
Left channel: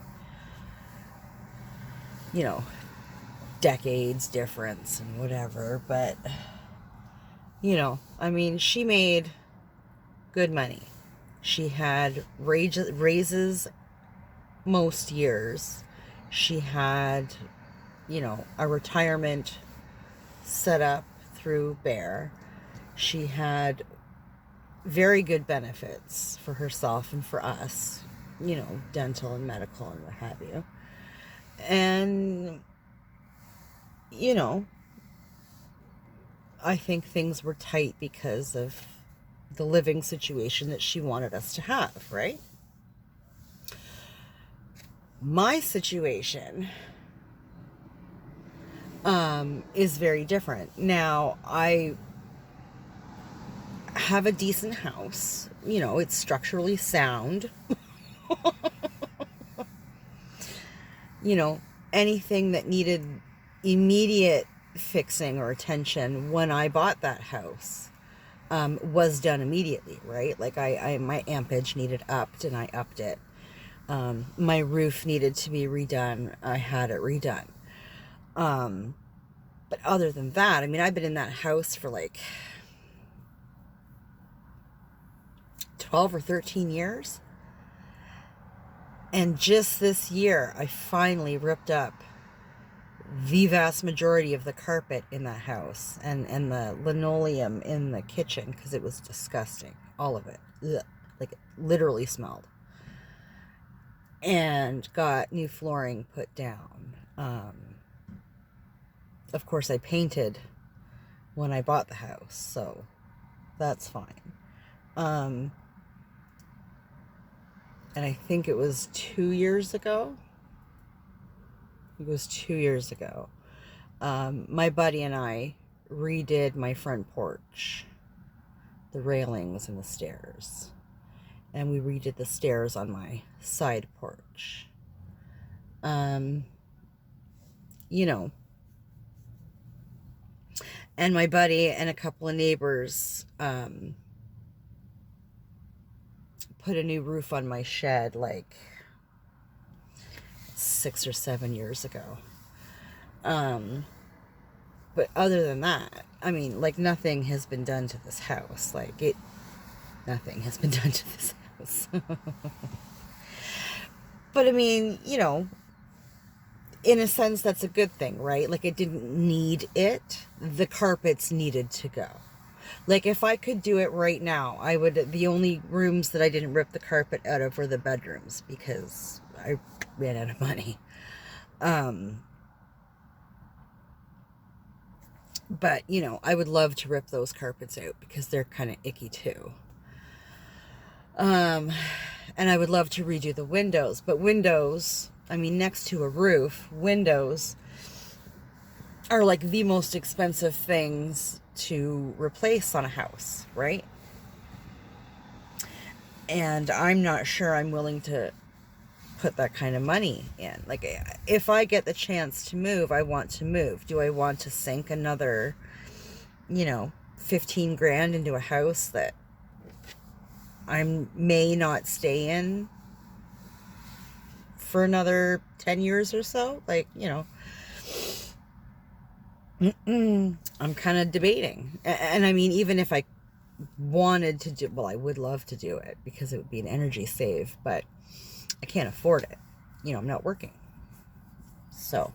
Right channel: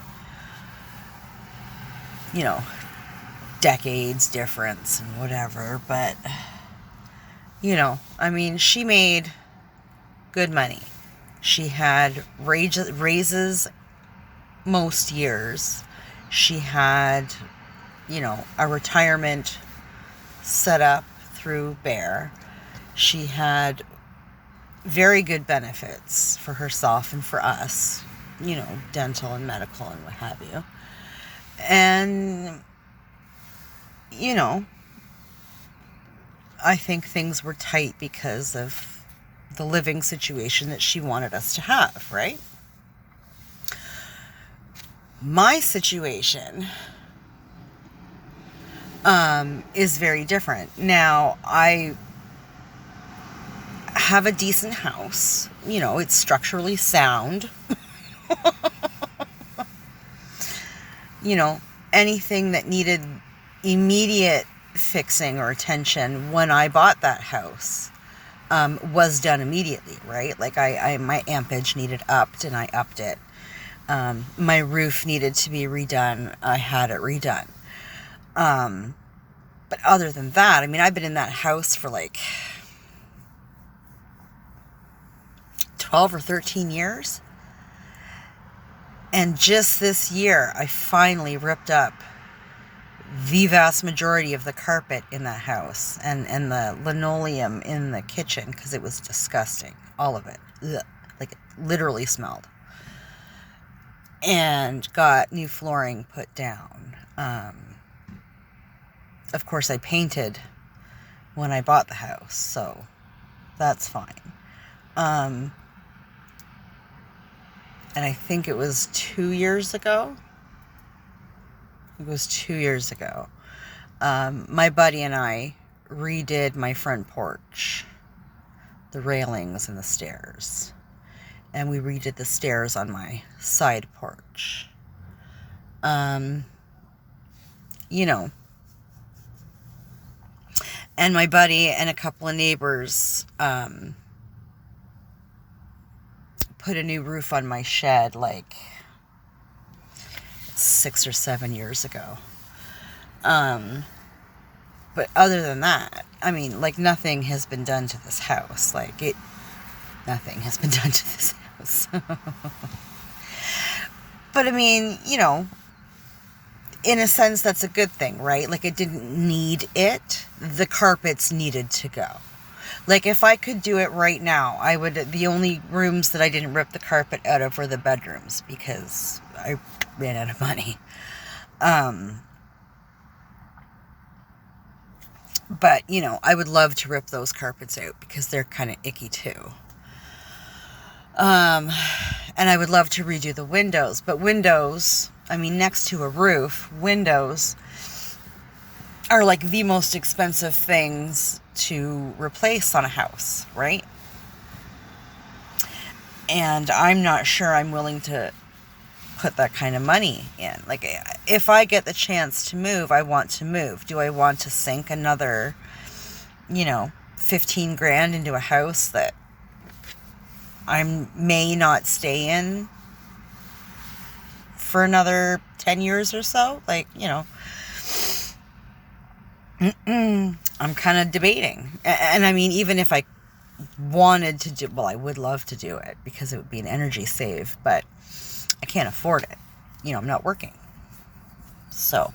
decades difference and whatever, but, you know, I mean, she made good money. She had raises most years. She had, you know, a retirement set up through Bear. She had very good benefits for herself and for us, you know, dental and medical and what have you. And, you know, I think things were tight because of the living situation that she wanted us to have, right? My situation is very different. Now, I have a decent house. You know, it's structurally sound. You know, anything that needed immediate fixing or attention when I bought that house was done immediately, right? Like my ampage needed upped and I upped it. My roof needed to be redone. I had it redone. But other than that, I mean, I've been in that house for like 12 or 13 years. And just this year, I finally ripped up the vast majority of the carpet in that house and the linoleum in the kitchen because it was disgusting. All of it. Ugh. Like it literally smelled. And got new flooring put down. Of course, I painted when I bought the house, so that's fine. And I think it was 2 years ago. It was 2 years ago. My buddy and I redid my front porch, the railings and the stairs. And we redid the stairs on my side porch. You know. And my buddy and a couple of neighbors put a new roof on my shed like 6 or 7 years ago. But other than that, I mean, like nothing has been done to this house. Nothing has been done to this house. But I mean, you know, in a sense, that's a good thing, right? Like it didn't need it. The carpets needed to go. Like if I could do it right now, I would. The only rooms that I didn't rip the carpet out of were the bedrooms because I ran out of money. But, you know, I would love to rip those carpets out because they're kind of icky too. And I would love to redo the windows. But windows, I mean, next to a roof, windows are like the most expensive things to replace on a house, right? And I'm not sure I'm willing to put that kind of money in. Like, if I get the chance to move, I want to move. Do I want to sink another, 15 grand into a house that I may not stay in for another 10 years or so? Like, I'm kind of debating. And I mean, even if I wanted to do, well, I would love to do it because it would be an energy save, but I can't afford it. I'm not working. So,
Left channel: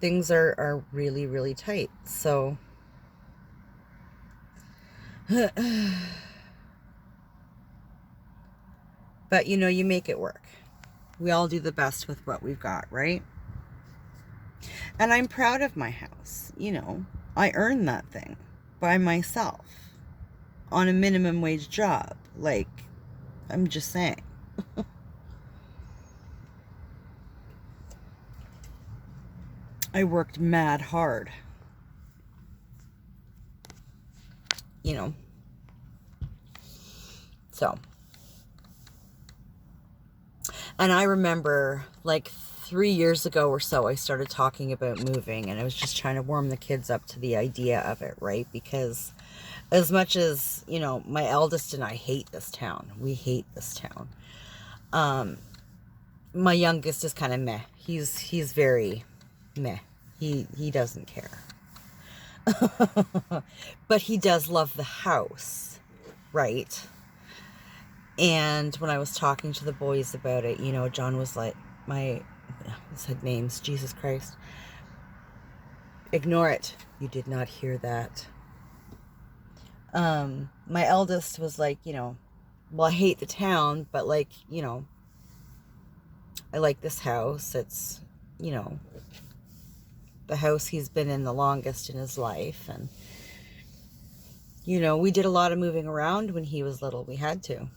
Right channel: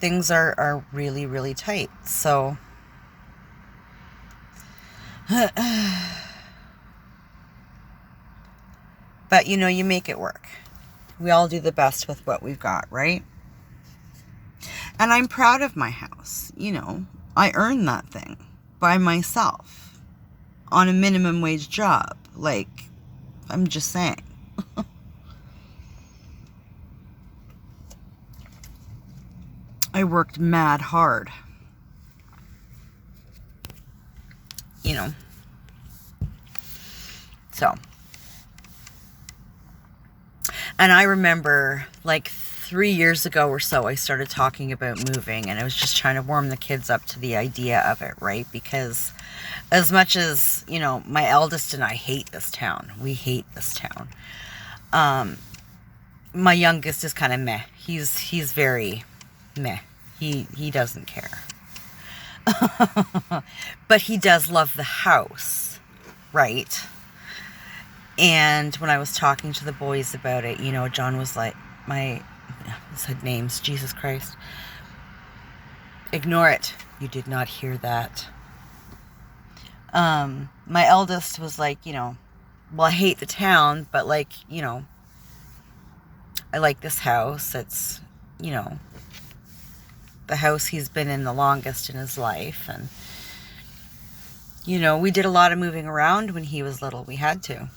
things are really, really tight. So, but you make it work. We all do the best with what we've got, right? And I'm proud of my house. I earned that thing by myself on a minimum wage job. Like, I'm just saying. I worked mad hard. So. And I remember like 3 years ago or so, I started talking about moving, and I was just trying to warm the kids up to the idea of it, right? Because as much as, my eldest and I hate this town, we hate this town. My youngest is kind of meh. He's very meh. He doesn't care. But he does love the house, right? And when I was talking to the boys about it, you know, John was like, I said names, Jesus Christ. Ignore it. You did not hear that. My eldest was like, you know, well, I hate the town, but like, you know, I like this house. It's, you know, the house he's been in the longest in his life. And, you know, we did a lot of moving around when he was little. We had to.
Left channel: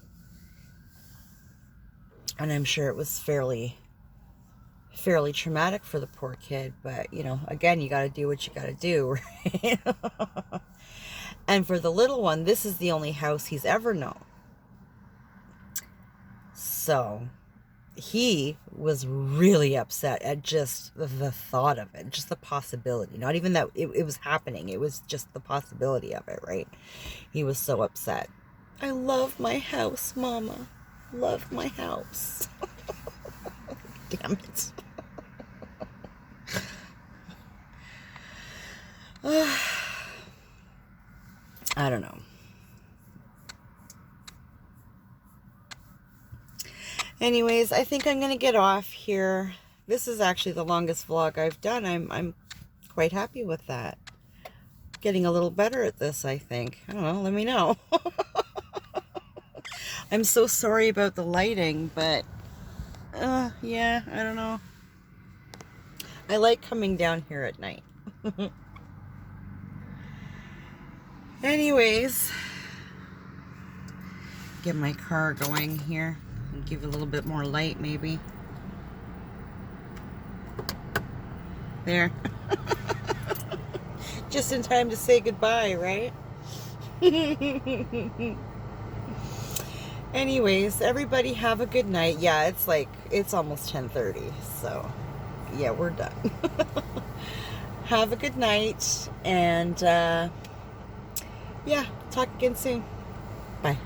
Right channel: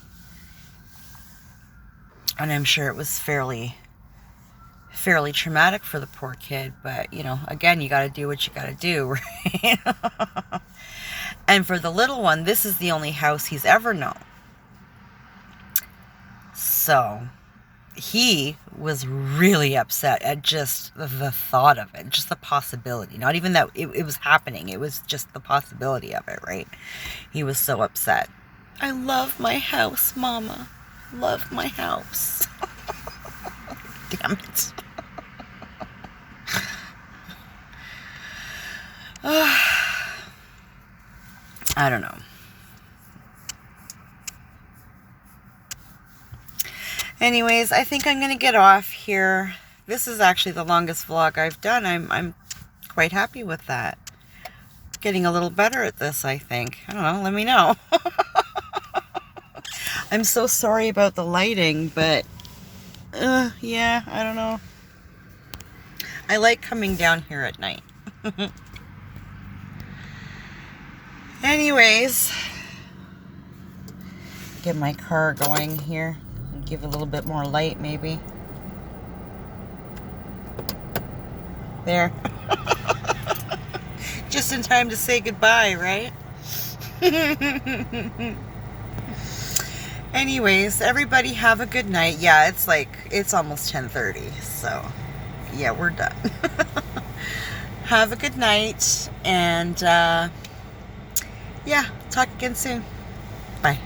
And I'm sure it was fairly traumatic for the poor kid. But, you know, again, you got to do what you got to do, right? And for the little one, this is the only house he's ever known. So he was really upset at just the thought of it, just the possibility. Not even that it was happening. It was just the possibility of it, right? He was so upset. I love my house, Mama. Love my house. Damn it. I don't know. Anyways, I think I'm going to get off here. This is actually the longest vlog I've done. I'm quite happy with that. Getting a little better at this, I think. I don't know. Let me know. I'm so sorry about the lighting, but yeah, I don't know. I like coming down here at night. Anyways, get my car going here and give it a little bit more light, maybe. There. Just in time to say goodbye, right? Anyways, everybody have a good night. Yeah, it's almost 10:30, so yeah, we're done. Have a good night, and yeah, talk again soon. Bye.